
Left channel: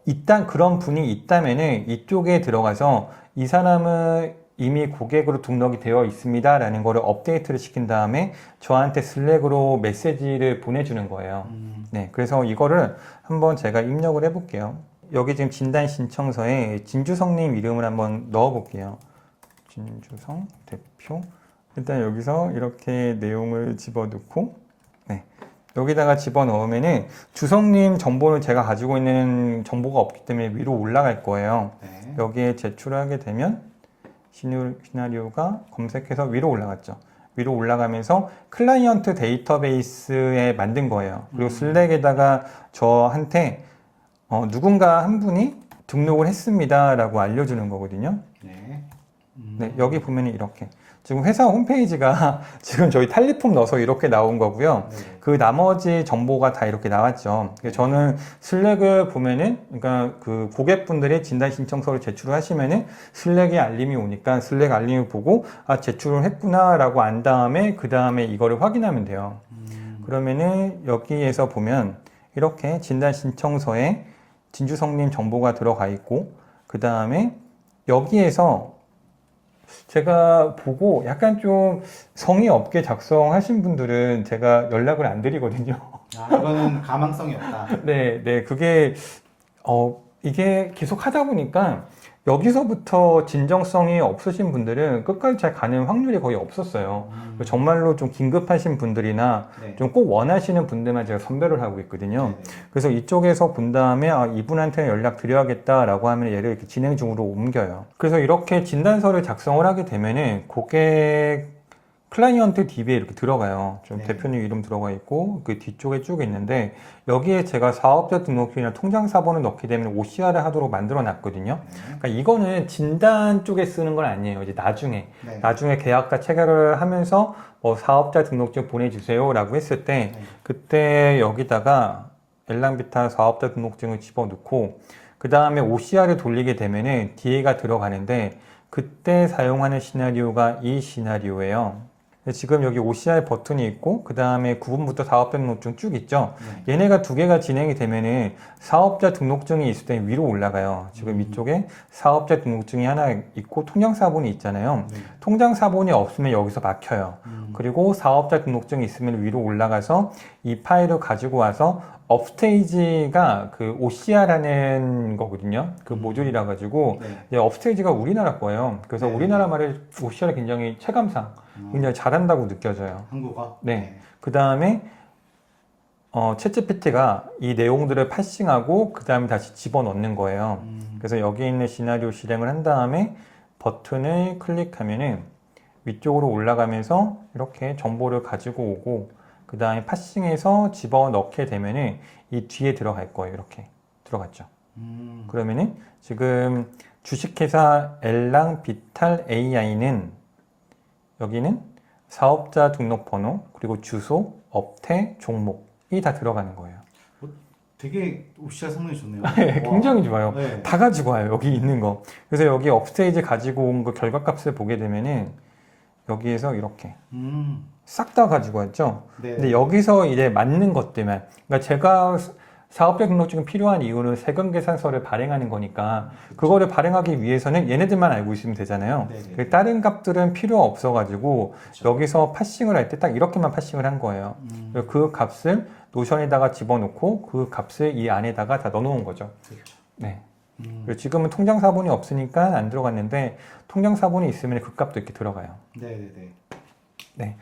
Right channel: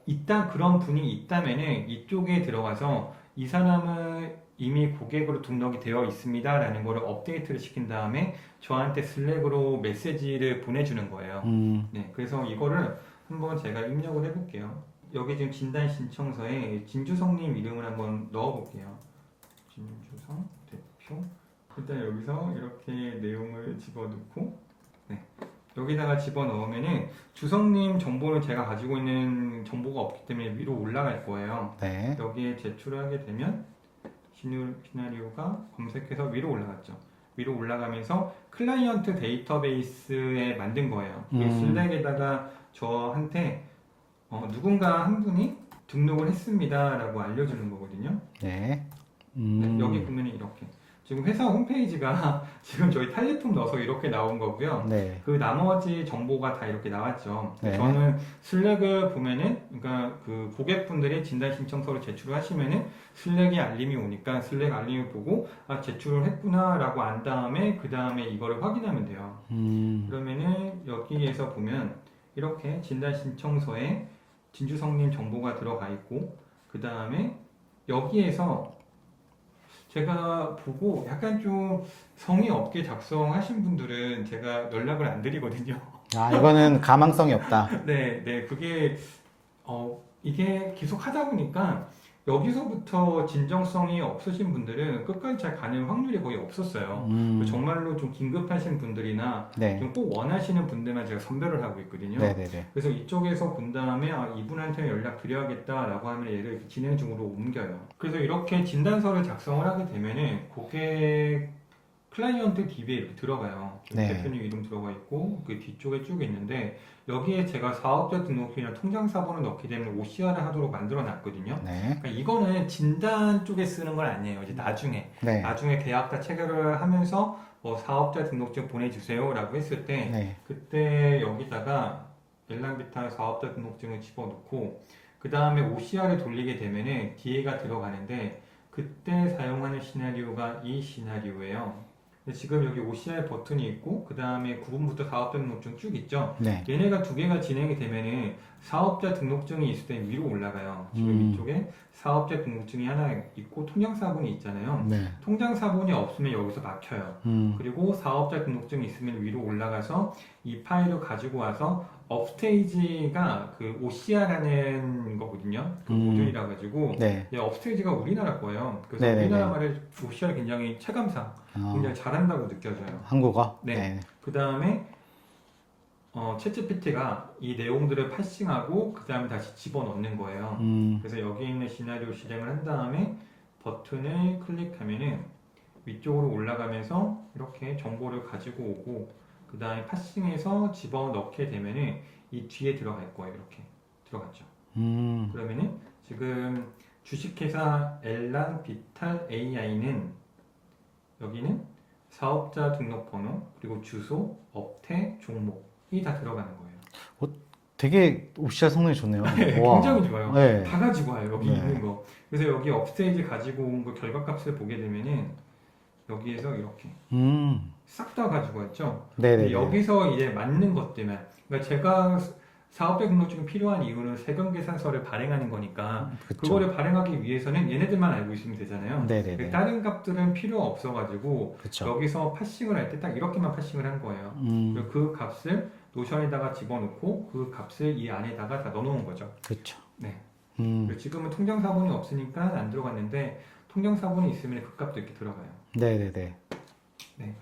일단 그런 분이 있다면은 이쪽에 들어가서 이 사람은 이미 고객으로 등록이 되어 있습니다 라는 거를 업데이트를 시킨 다음에 저한테 슬랙으로 메시지를 보내주는 거예요. 네, 그래서 이거를 한번 제가 입력을 해볼게요. 여기 지금 진단 신청서에 진주성님 이름을 한번 넣어볼게요. 진주성 대표. 일단 여기서 이렇게 내용을 집어넣고, 네. 여기다가 집어넣으면은 주성님 정보는 제가 가지고 있는 정보가 없기 때문에 위로 올라갈 거예요. 네. 여기에 제출을 하게 되면 시나리오가 검색해서 위로 올라갔죠. 위로 올라가면서 클라이언트 데이터베이스에 만든 거예요. 그리고 슬랙에다가 저한테 누군가 한 분이 등록을 했습니다 라고 알려주는 거거든요. 네. 네, 여기 보면 이렇게 지금 회사 홈페이지가 지금 저희 탈리폼 넣어서 이렇게 나온 거고요. 네. 그 나머지 정보가 다 이렇게 나왔죠. 네. 저는 슬랙을 보면은, 그러니까 그 고객분들이 진단 신청서를 제출을 하시면은 슬랙에 알림이 오니까 슬랙 알림을 보고 제출을 했구나라고 안 다음에 그 다음에 이거를 확인하면 돼요. 그러면은 여기에서 보면 이렇게 진단 신청서에 진주성님 정보가 들어가 있고 그 다음에 여기에서 제가 보고 약간 좀 성의 없게 작성하신 분들은 제가 연락을 안 드리거든요. 아, 이거는 가망성이 없다. 네, 네, 그게, 이게 계속 하다 보니까 여기서부터 진정성이 없으신 분들은 끝까지 잘 가는 확률이 거의 없었어요. 정말로 좀 긴급하신 분들이나 네. 좀 꼭 원하시는 분들만 제가 선별을 하고 있거든요. 네네네. 그래서 이쪽에서 본 다음에 이분한테 연락 드려야겠다라고 하면 얘를 이렇게 진행 중으로 옮겨요. 그래서 이렇게 진단서를 작성을 하게 되면은 클라이언트 DB에 이렇게 들어가요. 좀 네. 대표님 이름 들어가 있고 그 뒤쪽에 쭉 있는데 여기에 제가 사업자 등록증이나 통장 사본을 넣게 되면 OCR을 하도록 만들어 놨거든요. 네. 그러니까 이거는 진단 쪽에 쓰는 건 아니에요. 이제 네. 나중에 계약과 체결을 하면서 뭐 사업자 등록증 보내주세요라고 했을 때 네. 그때 여기다가 엘랑비탈 사업자 등록증을 집어넣고 그 다음에 OCR을 돌리게 되면은 DA가 들어가는데 그때 사용하는 시나리오가 이 시나리오예요. 지금 여기 OCR 버튼이 있고 그 다음에 9번부터 사업자 등록증 쭉 있죠. 네. 얘네가 두 개가 진행이 되면은 사업자 등록증이 있을 때 위로 올라가요. 지금 이쪽에 사업자 등록증이 하나 있고 통장 사본이 있잖아요. 네. 통장 사본이 없으면 여기서 막혀요. 그리고 사업자 등록증이 있으면 위로 올라가서 이 파일을 가지고 와서 업스테이지가 그 OCR라는 거거든요. 그 모듈이라 가지고 네. 업스테이지가 우리나라 거예요. 그래서 네네네. 우리나라 말을 OCR 굉장히 체감상 굉장히 잘한다고 느껴져요. 한국어? 네. 그 다음에 챗GPT가 이 내용들을 파싱하고 그 다음에 다시 집어넣는 거예요. 그래서 여기 있는 시나리오 실행을 한 다음에 버튼을 클릭하면은 위쪽으로 올라가면서 이렇게 정보를 가지고 오고 그 다음에 파싱해서 집어넣게 되면은 이 뒤에 들어갈 거예요. 이렇게 들어갔죠. 그러면은 지금 주식회사 엘랑비탈 AI는 여기는 사업자 등록번호 그리고 주소, 업태, 종목이 다 들어가는 거예요. 되게 OCR 성능이 좋네요. 네, 와. 굉장히 좋아요. 네. 다 가지고 와요. 여기 있는 거. 그래서 여기 업스테이지 가지고 온 거 결과값을 보게 되면은 여기에서 이렇게 싹 다 가지고 왔죠. 네네. 근데 여기서 이제 맞는 것들만. 그러니까 제가 사업자 등록증이 필요한 이유는 세금 계산서를 발행하는 거니까 그쵸. 그거를 발행하기 위해서는 얘네들만 알고 있으면 되잖아요. 네네네. 다른 값들은 필요 없어가지고 그쵸. 여기서 파싱을 할 때 딱 이렇게만 파싱을 한 거예요. 그래서 그 값을 노션에다가 집어넣고 그 값을 이 안에다가 다 넣어놓은 거죠. 그렇죠. 네. 그리고 지금은 통장 사본이 없으니까 안 들어갔는데 통장 사본이 있으면 그 값도 이렇게 들어가요. 네네네. 네.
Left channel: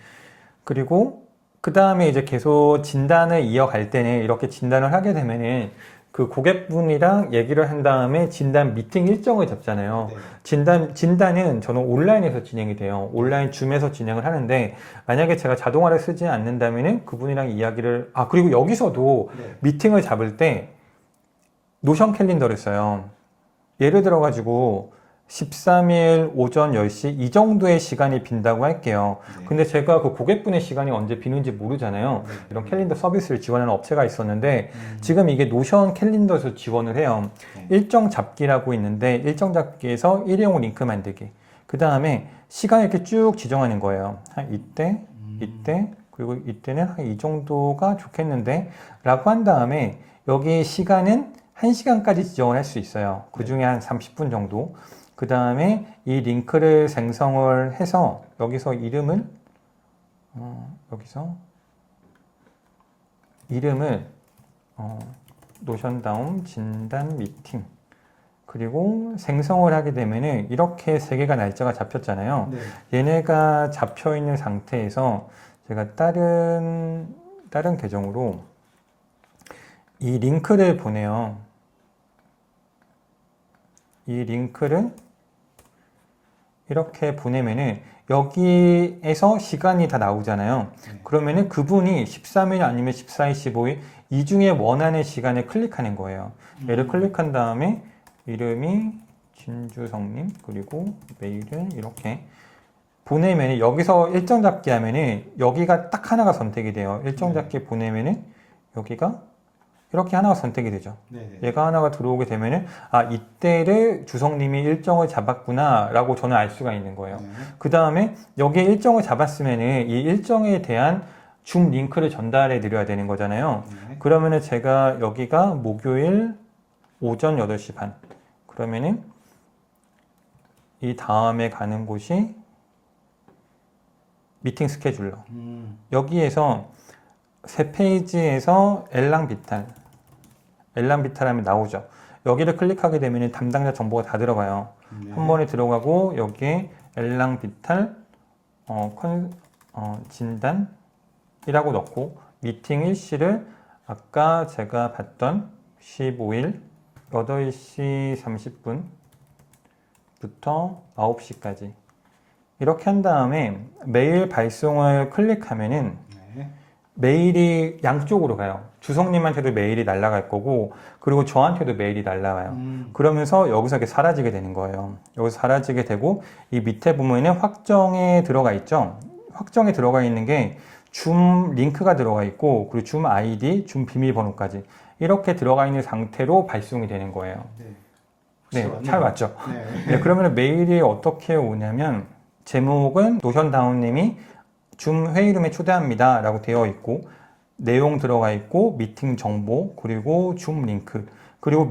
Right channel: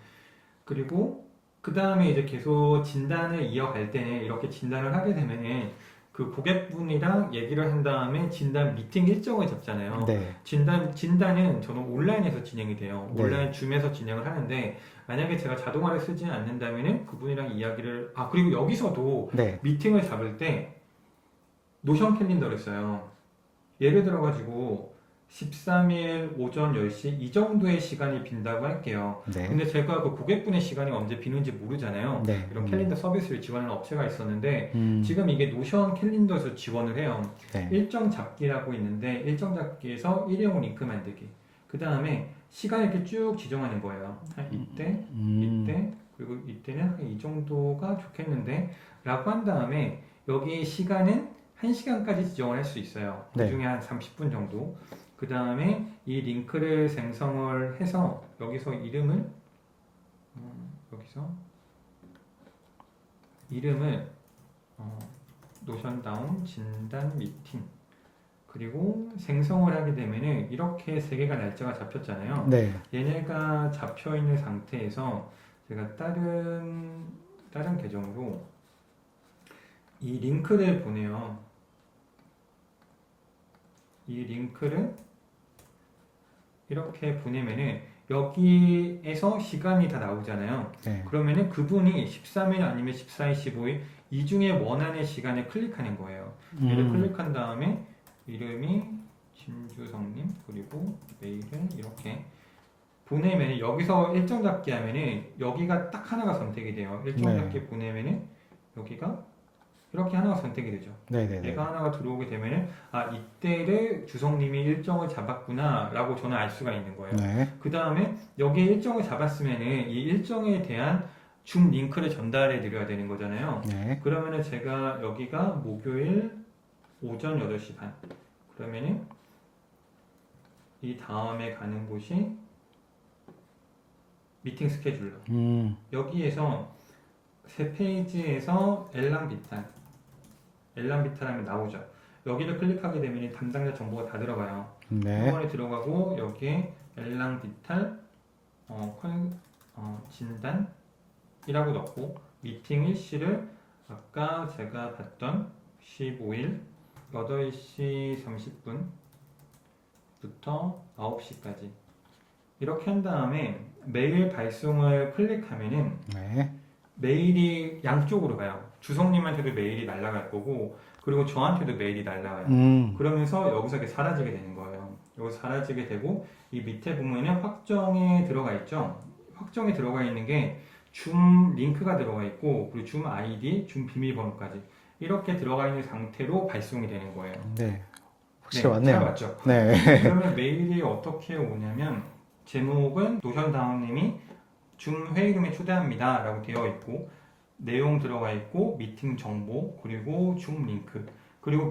그리고 그 다음에 이제 계속 진단을 이어갈 때는 이렇게 진단을 하게 되면은 그 고객분이랑 얘기를 한 다음에 진단 미팅 일정을 잡잖아요. 네. 진단은 저는 온라인에서 진행이 돼요. 네. 온라인 줌에서 진행을 하는데 만약에 제가 자동화를 쓰지 않는다면은 그분이랑 이야기를 그리고 여기서도 네. 미팅을 잡을 때 노션 캘린더를 써요. 예를 들어 가지고 13일 오전 10시 이 정도의 시간이 빈다고 할게요. 네. 근데 제가 그 고객분의 시간이 언제 비는지 모르잖아요. 네. 이런 캘린더 서비스를 지원하는 업체가 있었는데 음. 지금 이게 노션 캘린더에서 지원을 해요. 네. 일정 잡기라고 있는데 일정 잡기에서 일회용 링크 만들기. 그 다음에 시간을 이렇게 쭉 지정하는 거예요. 한 이때, 이때, 그리고 이때는 한 이 정도가 좋겠는데 라고 한 다음에 여기 시간은 1시간까지 지정을 할 수 있어요. 그 중에 한 30분 정도. 그 다음에 이 링크를 생성을 해서 여기서 이름을 노션다운 진단 미팅 그리고 생성을 하게 되면은 이렇게 세 개가 날짜가 잡혔잖아요. 네. 얘네가 잡혀 있는 상태에서 제가 다른 계정으로 이 링크를 보내요. 이 링크를 이렇게 보내면은 여기에서 시간이 다 나오잖아요. 네. 그러면은 그분이 13일 아니면 14일, 15일 이 중에 원하는 시간을 클릭하는 거예요. 얘를 클릭한 다음에 이름이 진주성님 그리고 메일을 이렇게 보내면은 여기서 일정 잡기 하면은 여기가 딱 하나가 선택이 돼요. 일정 잡기 보내면은 여기가 이렇게 하나가 선택이 되죠. 네네. 얘가 하나가 들어오게 되면은 이때를 주성님이 일정을 잡았구나 라고 저는 알 수가 있는 거예요. 네. 그 다음에 여기에 일정을 잡았으면은 이 일정에 대한 줌 링크를 전달해 드려야 되는 거잖아요. 네. 그러면은 제가 여기가 목요일 오전 8시 반 그러면은 이 다음에 가는 곳이 미팅 스케줄러 여기에서 세 페이지에서 엘랑비탈 하면 나오죠. 여기를 클릭하게 되면 담당자 정보가 다 들어가요. 네. 한 번에 들어가고 여기에 엘랑비탈 진단이라고 넣고 미팅 일시를 아까 제가 봤던 15일 8시 30분부터 9시까지 이렇게 한 다음에 메일 발송을 클릭하면은 네. 메일이 양쪽으로 가요. 주성님한테도 메일이 날아갈 거고, 그리고 저한테도 메일이 날아가요. 그러면서 여기서 이렇게 사라지게 되는 거예요. 여기서 사라지게 되고, 이 밑에 보면은 확정에 들어가 있죠? 확정에 들어가 있는 게 줌 링크가 들어가 있고, 그리고 줌 아이디, 줌 비밀번호까지 이렇게 들어가 있는 상태로 발송이 되는 거예요. 네. 확실히 네, 맞네요. 잘 맞죠? 네. 네, 그러면 메일이 어떻게 오냐면, 제목은 노션다운님이 줌 회의룸에 초대합니다 라고 되어 있고, 내용 들어가 있고, 미팅 정보, 그리고 줌 링크, 그리고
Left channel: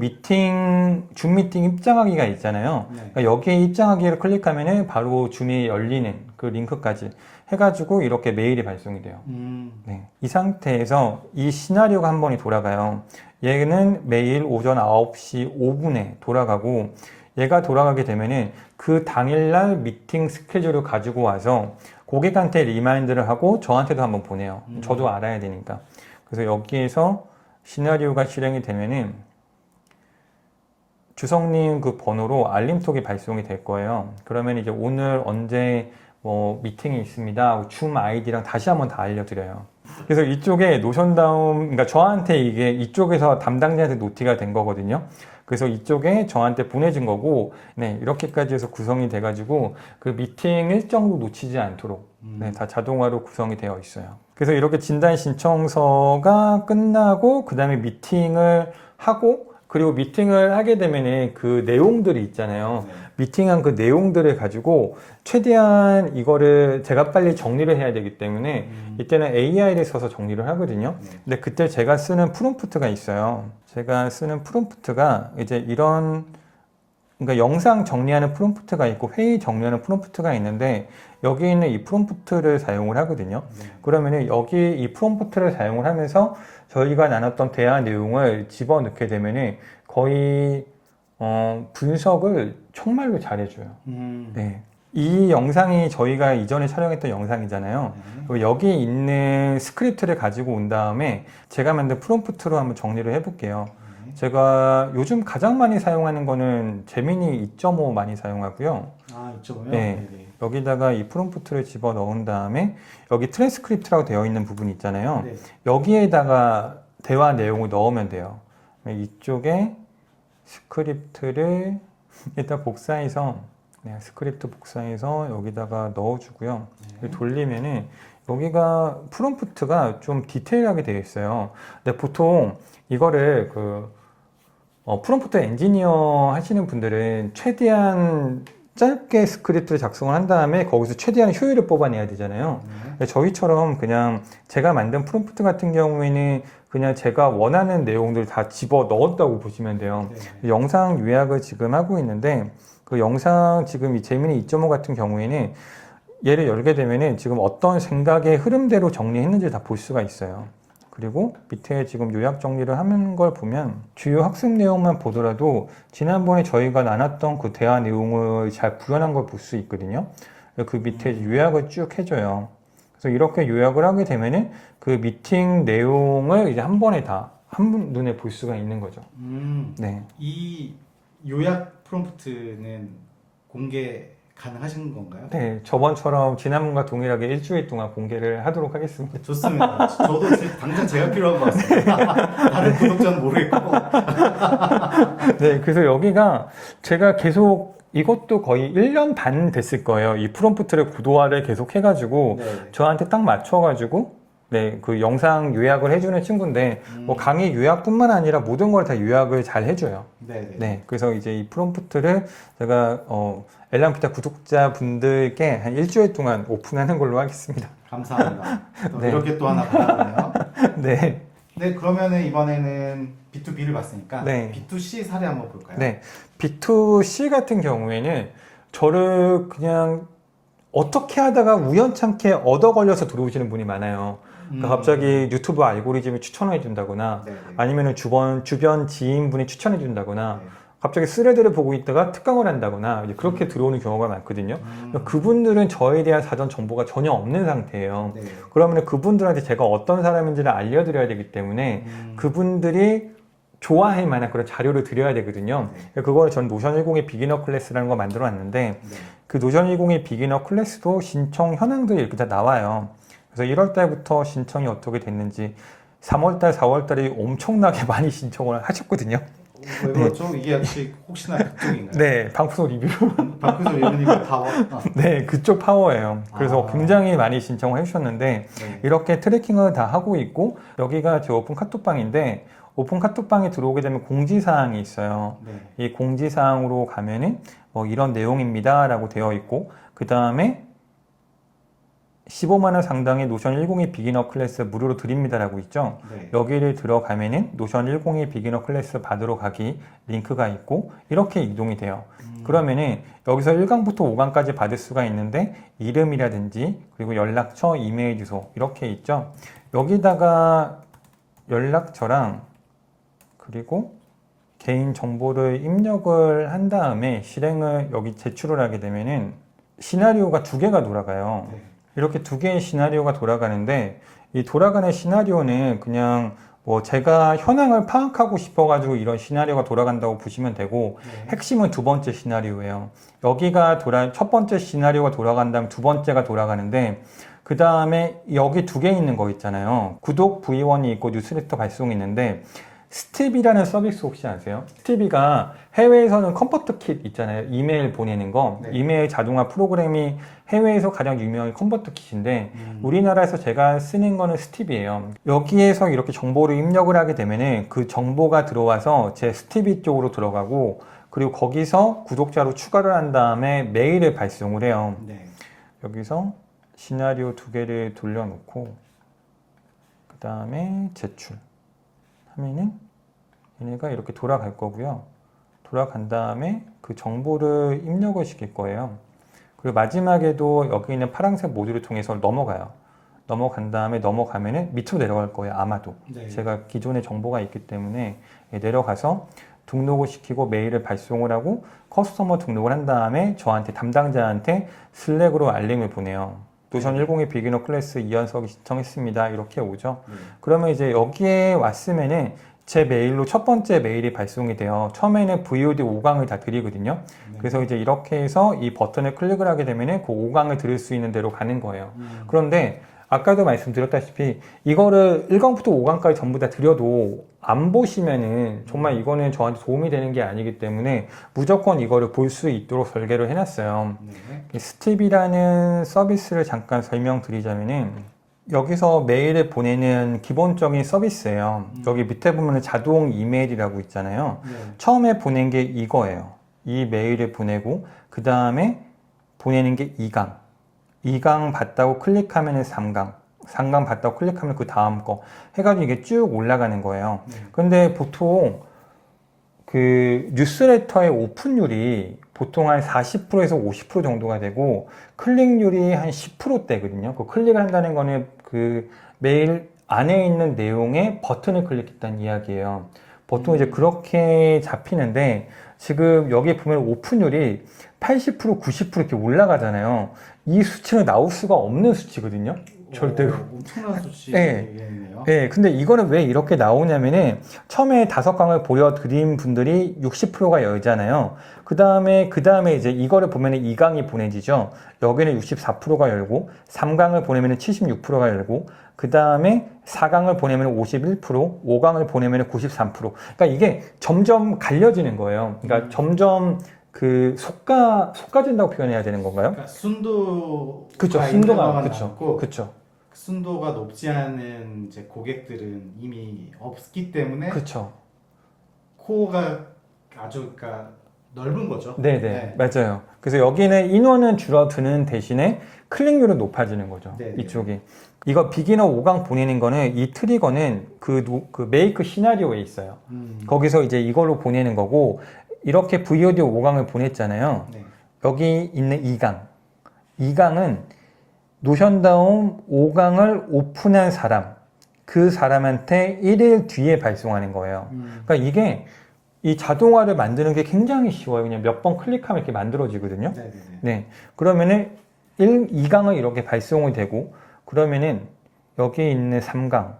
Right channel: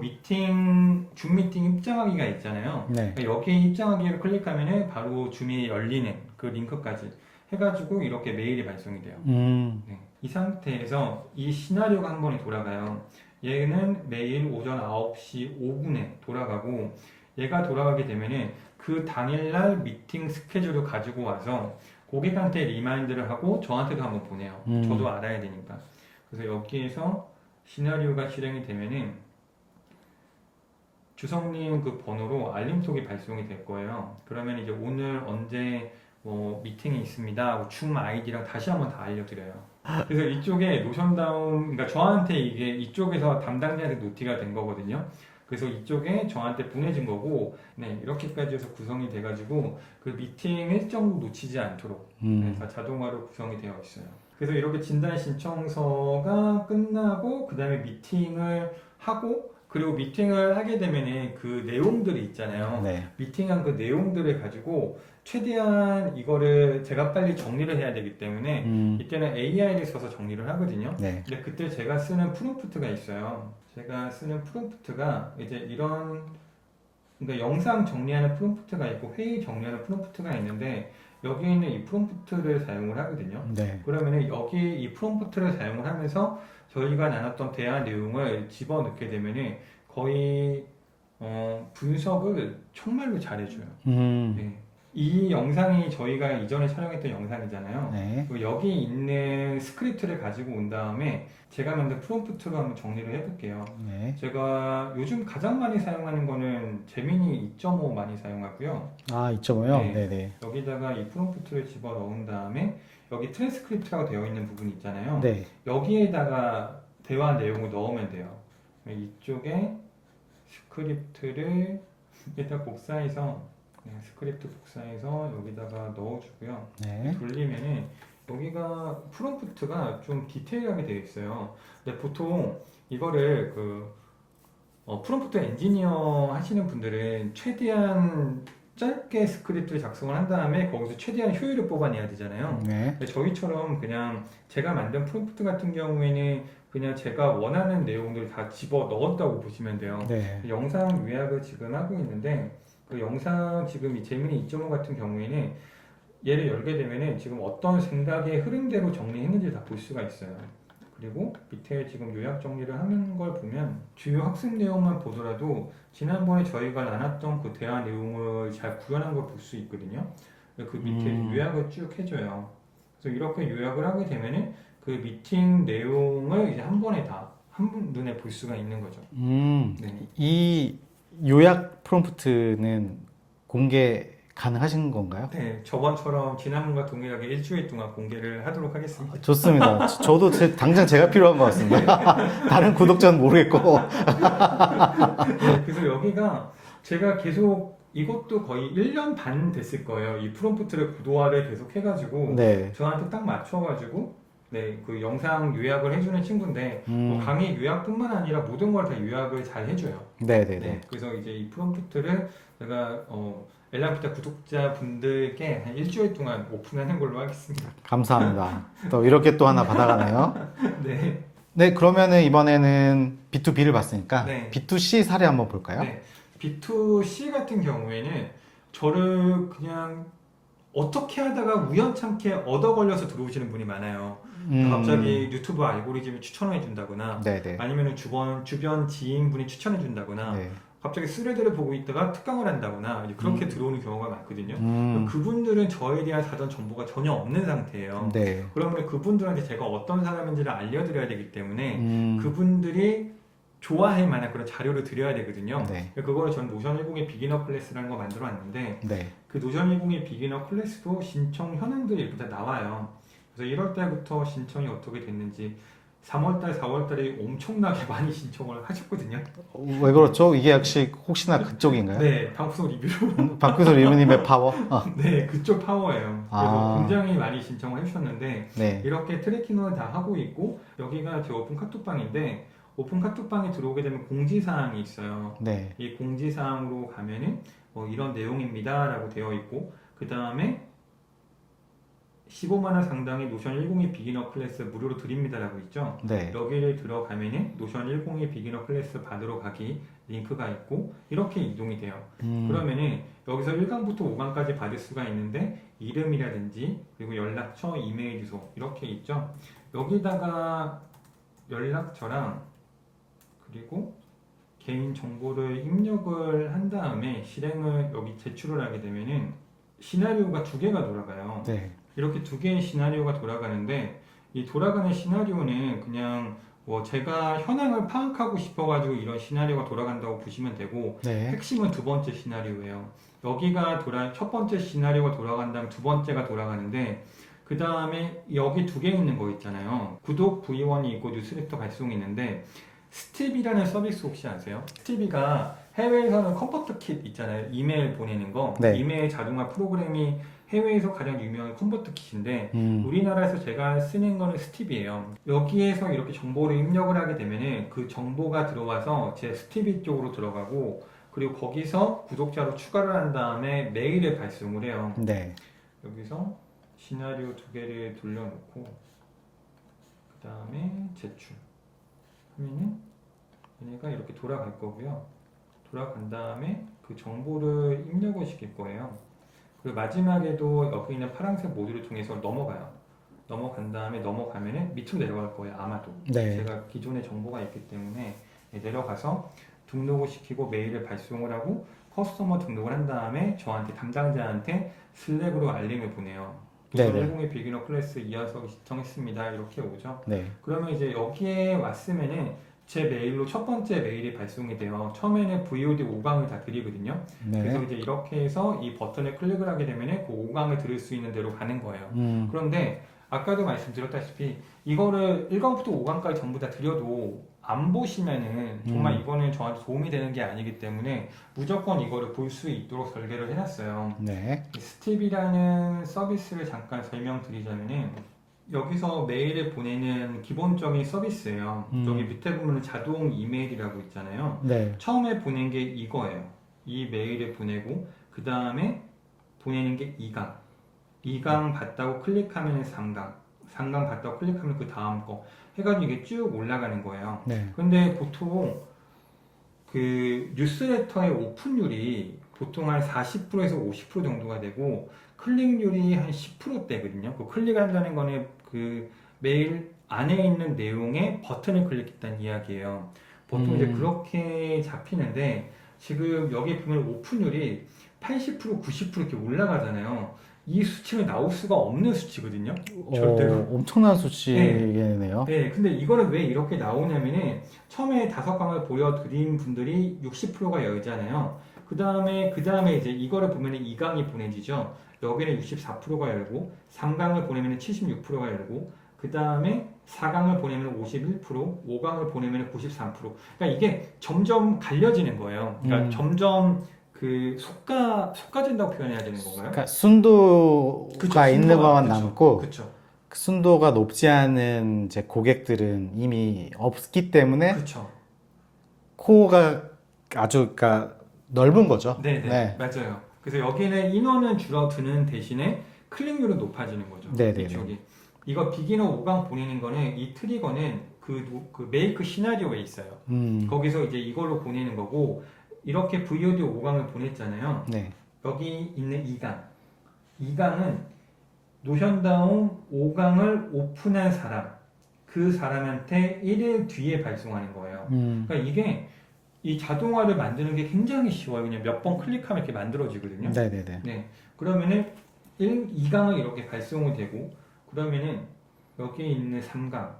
줌 미팅 입장하기가 있잖아요. 네. 그러니까 여기에 입장하기를 클릭하면 바로 줌이 열리는 그 링크까지 해가지고 이렇게 메일이 발송이 돼요. 네. 이 상태에서 이 시나리오가 한 번이 돌아가요. 얘는 매일 오전 9시 5분에 돌아가고, 얘가 돌아가게 되면은 그 당일날 미팅 스케줄을 가지고 와서 고객한테 리마인드를 하고 저한테도 한번 보내요. 저도 알아야 되니까. 그래서 여기에서 시나리오가 실행이 되면은 주성님 그 번호로 알림톡이 발송이 될 거예요. 그러면 이제 오늘 언제 뭐 미팅이 있습니다 하고 줌 아이디랑 다시 한번 다 알려드려요. 그래서 이쪽에 노션다운, 그러니까 저한테 이게 이쪽에서 담당자한테 노티가 된 거거든요. 그래서 이쪽에 저한테 보내진 거고, 네, 이렇게까지 해서 구성이 돼가지고 그 미팅 일정도 놓치지 않도록 네, 다 자동화로 구성이 되어 있어요. 그래서 이렇게 진단 신청서가 끝나고 그 다음에 미팅을 하고, 그리고 미팅을 하게 되면은 그 내용들이 있잖아요. 네. 미팅한 그 내용들을 가지고 최대한 이거를 제가 빨리 정리를 해야 되기 때문에 이때는 AI를 써서 정리를 하거든요. 네. 근데 그때 제가 쓰는 프롬프트가 있어요. 제가 쓰는 프롬프트가 이제 이런, 그러니까 영상 정리하는 프롬프트가 있고 회의 정리하는 프롬프트가 있는데, 여기 있는 이 프롬프트를 사용을 하거든요. 네. 그러면은 여기 이 프롬프트를 사용을 하면서 저희가 나눴던 대화 내용을 집어넣게 되면은 거의 분석을 정말로 잘해줘요. 네. 이 영상이 저희가 이전에 촬영했던 영상이잖아요. 네. 그리고 여기 있는 스크립트를 가지고 온 다음에 제가 만든 프롬프트로 한번 정리를 해볼게요. 네. 제가 요즘 가장 많이 사용하는 거는 제미니 2.5 많이 사용하고요. 아, 2.5요? 네. 네네. 여기다가 이 프롬프트를 집어 넣은 다음에 여기 트랜스크립트라고 되어 있는 부분 있잖아요. 네. 여기에다가 대화 내용을 넣으면 돼요. 이쪽에 스크립트를 일단 복사해서, 네, 스크립트 복사해서 여기다가 넣어주고요. 네. 돌리면은 여기가 프롬프트가 좀 디테일하게 되어 있어요. 근데 보통 이거를 프롬프트 엔지니어 하시는 분들은 최대한 짧게 스크립트를 작성을 한 다음에 거기서 최대한 효율을 뽑아내야 되잖아요. 네. 근데 저희처럼 그냥 제가 만든 프롬프트 같은 경우에는 그냥 제가 원하는 내용들 다 집어 넣었다고 보시면 돼요. 네. 영상 요약을 지금 하고 있는데, 그 영상 지금 이 제미니 2.5 같은 경우에는 얘를 열게 되면은 지금 어떤 생각의 흐름대로 정리했는지 다 볼 수가 있어요. 그리고 밑에 지금 요약 정리를 하는 걸 보면 주요 학습 내용만 보더라도 지난번에 저희가 나눴던 그 대화 내용을 잘 구현한 걸 볼 수 있거든요. 그 밑에 요약을 쭉 해줘요. 그래서 이렇게 요약을 하게 되면은 그 미팅 내용을 이제 한 번에 다 한 눈에 볼 수가 있는 거죠. 네. 이 요약 프롬프트는 공개 가능하신 건가요? 네, 저번처럼 지난번과 동일하게 일주일 동안 공개를 하도록 하겠습니다. 좋습니다. 저도 당장 제가 필요한 것 같습니다. 다른 구독자는 모르겠고. 네, 그래서 여기가 제가 계속 이것도 거의 1년 반 됐을 거예요. 이 프롬프트를 구도화를 계속 해가지고 네. 저한테 딱 맞춰가지고 네, 그 영상 요약을 해주는 친구인데 뭐 강의 요약뿐만 아니라 모든 걸 다 요약을 잘 해줘요. 네네. 네, 그래서 이제 이 프롬프트를 제가 엘람피타 구독자분들께 한 일주일 동안 오픈하는 걸로 하겠습니다. 감사합니다. 또 이렇게 또 하나 받아가네요. 네. 네, 그러면은 이번에는 B2B를 봤으니까 네. B2C 사례 한번 볼까요? 네. B2C 같은 경우에는 저를 그냥 어떻게 하다가 우연찮게 얻어 걸려서 들어오시는 분이 많아요. 그러니까 갑자기 유튜브 알고리즘이 추천해 준다거나 네네. 아니면 주변 지인분이 추천해 준다거나 네. 갑자기 스레드를 보고 있다가 특강을 한다거나 이제 그렇게 들어오는 경우가 많거든요. 그러니까 그분들은 저에 대한 사전 정보가 전혀 없는 상태예요. 네. 그러면 그분들한테 제가 어떤 사람인지를 알려드려야 되기 때문에 그분들이 좋아할 만한 그런 자료를 드려야 되거든요. 네. 그거를 전 노션 10의 비기너 클래스라는 거 만들어 놨는데 네. 그 노션 10의 비기너 클래스도 신청 현황들이 이렇게 다 나와요. 그래서 1월 달부터 신청이 어떻게 됐는지 3월 달, 4월 달에 엄청나게 많이 신청을 하셨거든요. 왜 그렇죠? 이게 혹시나 그쪽인가요? 네, 방구석 리뷰로. 박구슬 리뷰님의 파워? 네, 그쪽 파워예요. 그래서 아. 굉장히 많이 신청을 해주셨는데 네. 이렇게 트래킹을 다 하고 있고 여기가 제 오픈 카톡방인데 오픈 카톡방에 들어오게 되면 공지사항이 있어요. 네. 이 공지사항으로 가면은 뭐 이런 내용입니다 라고 되어 있고 그 다음에 15만원 상당의 노션 10의 비기너 클래스 무료로 드립니다 라고 있죠. 네. 여기를 들어가면은 노션 10의 비기너 클래스 받으러 가기 링크가 있고 이렇게 이동이 돼요. 그러면은 여기서 1강부터 5강까지 받을 수가 있는데 이름이라든지 그리고 연락처, 이메일 주소 이렇게 있죠. 여기다가 연락처랑 그리고 개인 정보를 입력을 한 다음에 실행을 여기 제출을 하게 되면은 시나리오가 두 개가 돌아가요. 네. 이렇게 두 개의 시나리오가 돌아가는데 이 돌아가는 시나리오는 그냥 뭐 제가 현황을 파악하고 싶어가지고 이런 시나리오가 돌아간다고 보시면 되고 네. 핵심은 두 번째 시나리오예요. 여기가 첫 번째 시나리오가 돌아간 다음 두 번째가 돌아가는데 그 다음에 여기 두 개 있는 거 있잖아요. 구독 V1이 있고 뉴스레터 발송이 있는데 스티비라는 서비스 혹시 아세요? 스티비가 해외에서는 컨버터 킷 있잖아요. 이메일 보내는 거. 네. 이메일 자동화 프로그램이 해외에서 가장 유명한 컨버터 킷인데 우리나라에서 제가 쓰는 거는 스티비예요. 여기에서 이렇게 정보를 입력을 하게 되면은 그 정보가 들어와서 제 스티비 쪽으로 들어가고 그리고 거기서 구독자로 추가를 한 다음에 메일을 발송을 해요. 네. 여기서 시나리오 두 개를 돌려놓고 그 다음에 제출 하면은 얘네가 이렇게 돌아갈 거고요. 돌아간 다음에 그 정보를 입력을 시킬 거예요. 그리고 마지막에도 여기 있는 파란색 모듈을 통해서 넘어가요. 넘어간 다음에 넘어가면은 밑으로 내려갈 거예요. 아마도. 네. 제가 기존에 정보가 있기 때문에 내려가서 등록을 시키고 메일을 발송을 하고 커스터머 등록을 한 다음에 저한테 담당자한테 슬랙으로 알림을 보내요. 노선 네네. 10의 비기너 클래스 2연석이 신청했습니다. 이렇게 오죠. 네. 그러면 이제 여기에 왔으면은 제 메일로 첫 번째 메일이 발송이 돼요. 처음에는 VOD 5강을 다 드리거든요. 네. 그래서 이제 이렇게 해서 이 버튼을 클릭을 하게 되면은 그 5강을 들을 수 있는 대로 가는 거예요. 그런데 아까도 말씀드렸다시피 이거를 1강부터 5강까지 전부 다 드려도 안 보시면은 정말 이거는 저한테 도움이 되는 게 아니기 때문에 무조건 이거를 볼 수 있도록 설계를 해놨어요. 네. 스팁이라는 서비스를 잠깐 설명드리자면은 여기서 메일을 보내는 기본적인 서비스예요. 여기 밑에 보면 자동 이메일이라고 있잖아요. 네. 처음에 보낸 게 이거예요. 이 메일을 보내고 그 다음에 보내는 게 2강. 2강 받다고 클릭하면 3강. 3강 받다고 클릭하면 그 다음 거. 해가지고 이게 쭉 올라가는 거예요. 네. 근데 보통 그 뉴스레터의 오픈율이 보통 한 40%에서 50% 정도가 되고 클릭률이 한 10%대거든요. 그 클릭을 한다는 거는 그 메일 안에 있는 내용에 버튼을 클릭했다는 이야기예요. 보통 이제 그렇게 잡히는데 지금 여기 보면 오픈율이 80%, 90% 이렇게 올라가잖아요. 이 수치는 나올 수가 없는 수치거든요. 절대로. 엄청난 수치네요. 네, 근데 이거는 왜 이렇게 나오냐면은 처음에 5강을 보여드린 분들이 60%가 열잖아요. 그 다음에 이제 이거를 보면은 2강이 보내지죠. 여기는 64%가 열고 3강을 보내면은 76%가 열고 그 다음에 4강을 보내면 51%, 5강을 보내면 93%. 그러니까 이게 점점 갈려지는 거예요. 그러니까 점점 그 속가진다고 표현해야 되는 건가요? 그러니까 순도가 그쵸, 있는 순도가, 것만 그쵸, 남고 그쵸. 순도가 높지 않은 이제 고객들은 이미 없기 때문에 그쵸. 코어가 아주 그러니까 넓은 거죠. 네네. 네. 맞아요. 그래서 여기는 인원은 줄어드는 대신에 클릭률은 높아지는 거죠. 네네. 이쪽이. 이거 비기너 5강 보내는 거는 이 트리거는 그 메이크 시나리오에 있어요. 거기서 이제 이걸로 보내는 거고 이렇게 VOD 5강을 보냈잖아요. 네. 여기 있는 2강. 2강은 노션다운 5강을 오픈한 사람, 그 사람한테 1일 뒤에 발송하는 거예요. 그러니까 이게 이 자동화를 만드는 게 굉장히 쉬워요. 그냥 몇 번 클릭하면 이렇게 만들어지거든요. 네네네. 네. 그러면은 2강을 이렇게 발송이 되고, 그러면은 여기 있는 3강.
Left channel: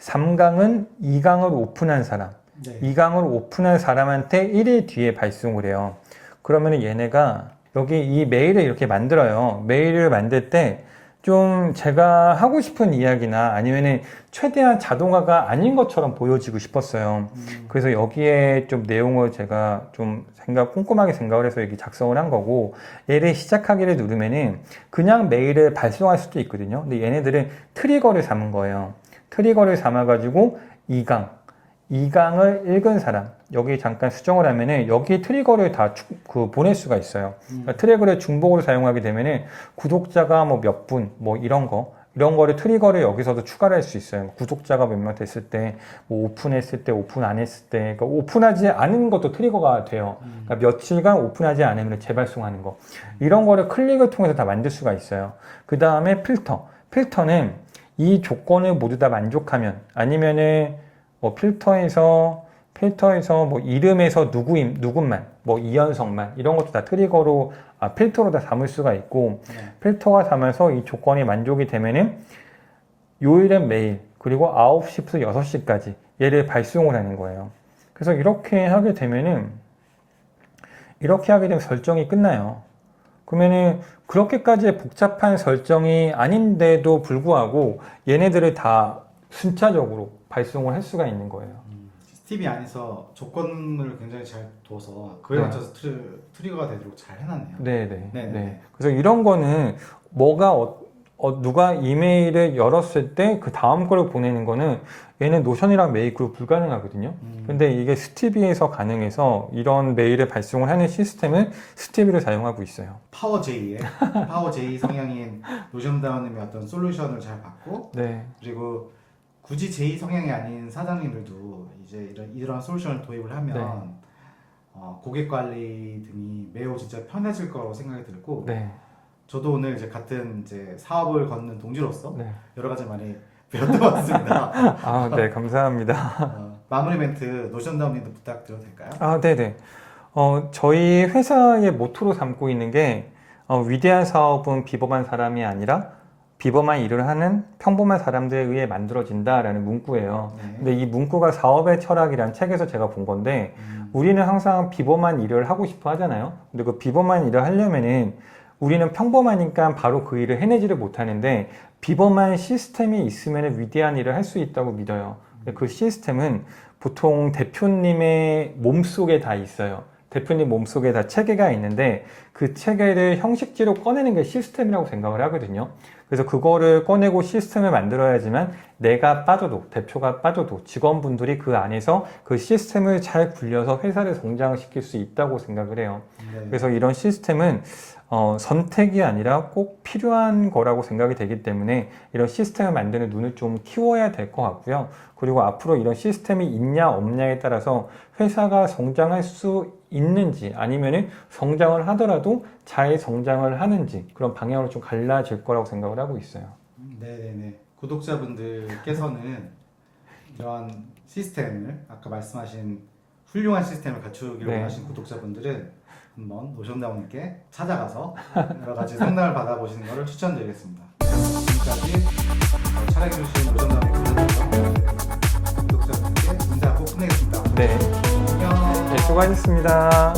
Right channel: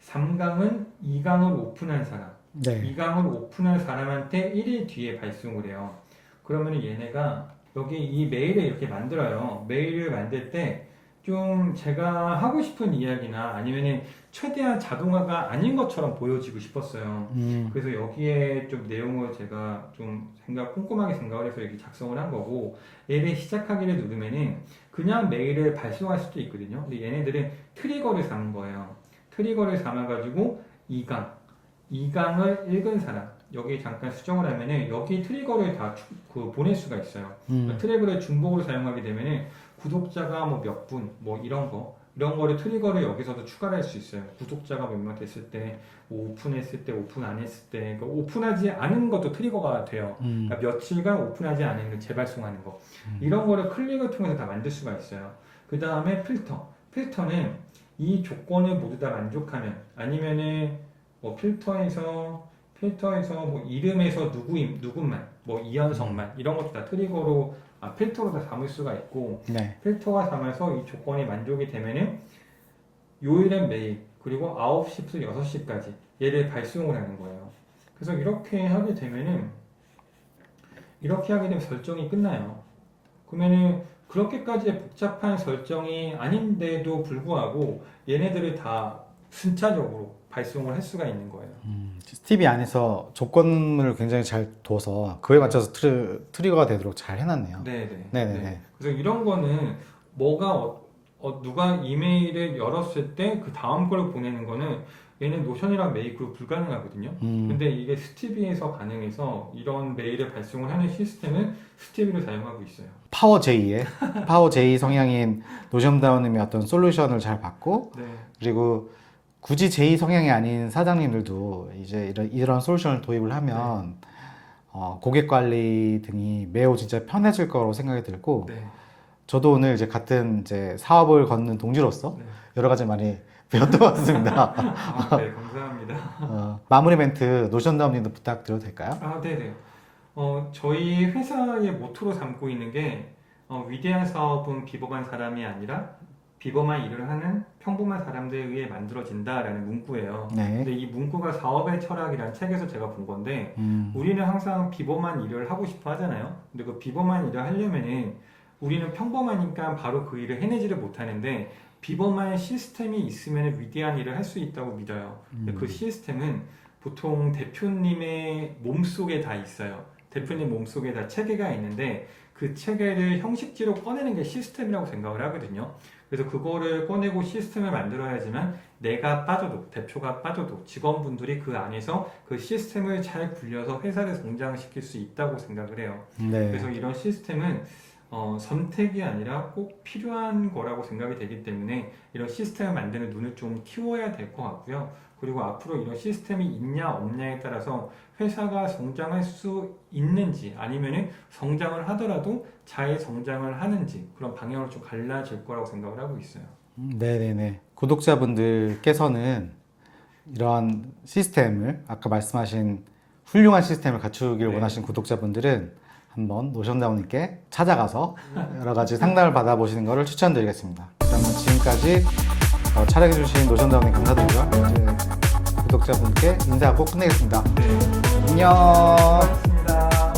3강은 2강을 오픈한 사람. 네. 2강을 오픈한 사람한테 1일 뒤에 발송을 해요. 그러면 얘네가 여기 이 메일을 이렇게 만들어요. 메일을 만들 때 좀 제가 하고 싶은 이야기나 아니면은 최대한 자동화가 아닌 것처럼 보여지고 싶었어요. 그래서 여기에 좀 내용을 제가 좀 꼼꼼하게 생각을 해서 이렇게 작성을 한 거고, 얘를 시작하기를 누르면은 그냥 메일을 발송할 수도 있거든요. 근데 얘네들은 트리거를 삼은 거예요. 트리거를 삼아가지고 2강을 읽은 사람, 여기 잠깐 수정을 하면은 여기 트리거를 다 보낼 수가 있어요. 그러니까 트리거를 중복으로 사용하게 되면은 구독자가 뭐 몇 분, 뭐 이런 거를 트리거를 여기서도 추가를 할 수 있어요. 구독자가 몇 명 됐을 때, 뭐 오픈했을 때, 오픈 안 했을 때, 그러니까 오픈하지 않은 것도 트리거가 돼요. 그러니까 며칠간 오픈하지 않으면 재발송하는 거. 이런 거를 클릭을 통해서 다 만들 수가 있어요. 그 다음에 필터는 이 조건을 모두 다 만족하면, 아니면은 뭐 필터에서 뭐 이름에서 누구만, 뭐 이현성만 이런 것도 다 트리거로 필터로 다 삼을 수가 있고, 네. 필터가 삼아서 이 조건이 만족이 되면은 요일엔 메일, 그리고 9시부터 6시까지 얘를 발송을 하는 거예요. 그래서 이렇게 하게 되면 설정이 끝나요. 그러면은 그렇게까지 복잡한 설정이 아닌데도 불구하고 얘네들을 다 순차적으로 발송을 할 수가 있는 거예요. 스티비 안에서 조건을 굉장히 잘 둬서 그에 맞춰서 트리거가 되도록 잘 해놨네요. 네네. 네네. 그래서 이런 거는 누가 이메일을 열었을 때 그 다음 걸 보내는 거는 얘는 노션이랑 메일 그룹 불가능하거든요. 근데 이게 스티비에서 가능해서 이런 메일을 발송을 하는 시스템은 스티비를 사용하고 있어요. 파워 J 성향인 노션다운님의 어떤 솔루션을 잘 받고, 네. 그리고 굳이 J 성향이 아닌 사장님들도 이제 이런 솔루션을 도입을 하면 고객 관리 등이 매우 진짜 편해질 거라고 생각이 들고, 네. 저도 오늘 이제 같은 이제 사업을 걷는 동지로서 네. 여러 가지 많이 배웠던 것 같습니다. 네, 감사합니다. 마무리 멘트 노션다운님도 부탁드려도 될까요? 네네. 저희 회사의 모토로 삼고 있는 게 위대한 사업은 비범한 사람이 아니라 비범한 일을 하는 평범한 사람들에 의해 만들어진다라는 문구예요. 네. 근데 이 문구가 사업의 철학이라는 책에서 제가 본 건데, 우리는 항상 비범한 일을 하고 싶어 하잖아요. 근데 그 비범한 일을 하려면은 우리는 평범하니까 바로 그 일을 해내지를 못하는데, 비범한 시스템이 있으면 위대한 일을 할 수 있다고 믿어요. 근데 그 시스템은 보통 대표님의 몸속에 다 있어요. 대표님 몸속에 다 체계가 있는데, 그 체계를 형식지로 꺼내는 게 시스템이라고 생각을 하거든요. 그래서 그거를 꺼내고 시스템을 만들어야지만 내가 빠져도, 대표가 빠져도 직원분들이 그 안에서 그 시스템을 잘 굴려서 회사를 성장시킬 수 있다고 생각을 해요. 네. 그래서 이런 시스템은 선택이 아니라 꼭 필요한 거라고 생각이 되기 때문에 이런 시스템을 만드는 눈을 좀 키워야 될 것 같고요. 그리고 앞으로 이런 시스템이 있냐 없냐에 따라서 회사가 성장할 수 있는지, 아니면은 성장을 하더라도 잘 성장을 하는지, 그런 방향으로 좀 갈라질 거라고 생각을 하고 있어요. 네네네. 구독자분들께서는 이러한 시스템을, 아까 말씀하신 훌륭한 시스템을 갖추기를 네. 원하신 구독자분들은 한번 노션다운님께 찾아가서 여러 가지 상담을 받아보시는 것을 추천드리겠습니다. 그러면 지금까지 촬영해주신 노션다운님 감사드리고요. 구독자분께 인사하고 끝내겠습니다. 네. 안녕. 수고하셨습니다.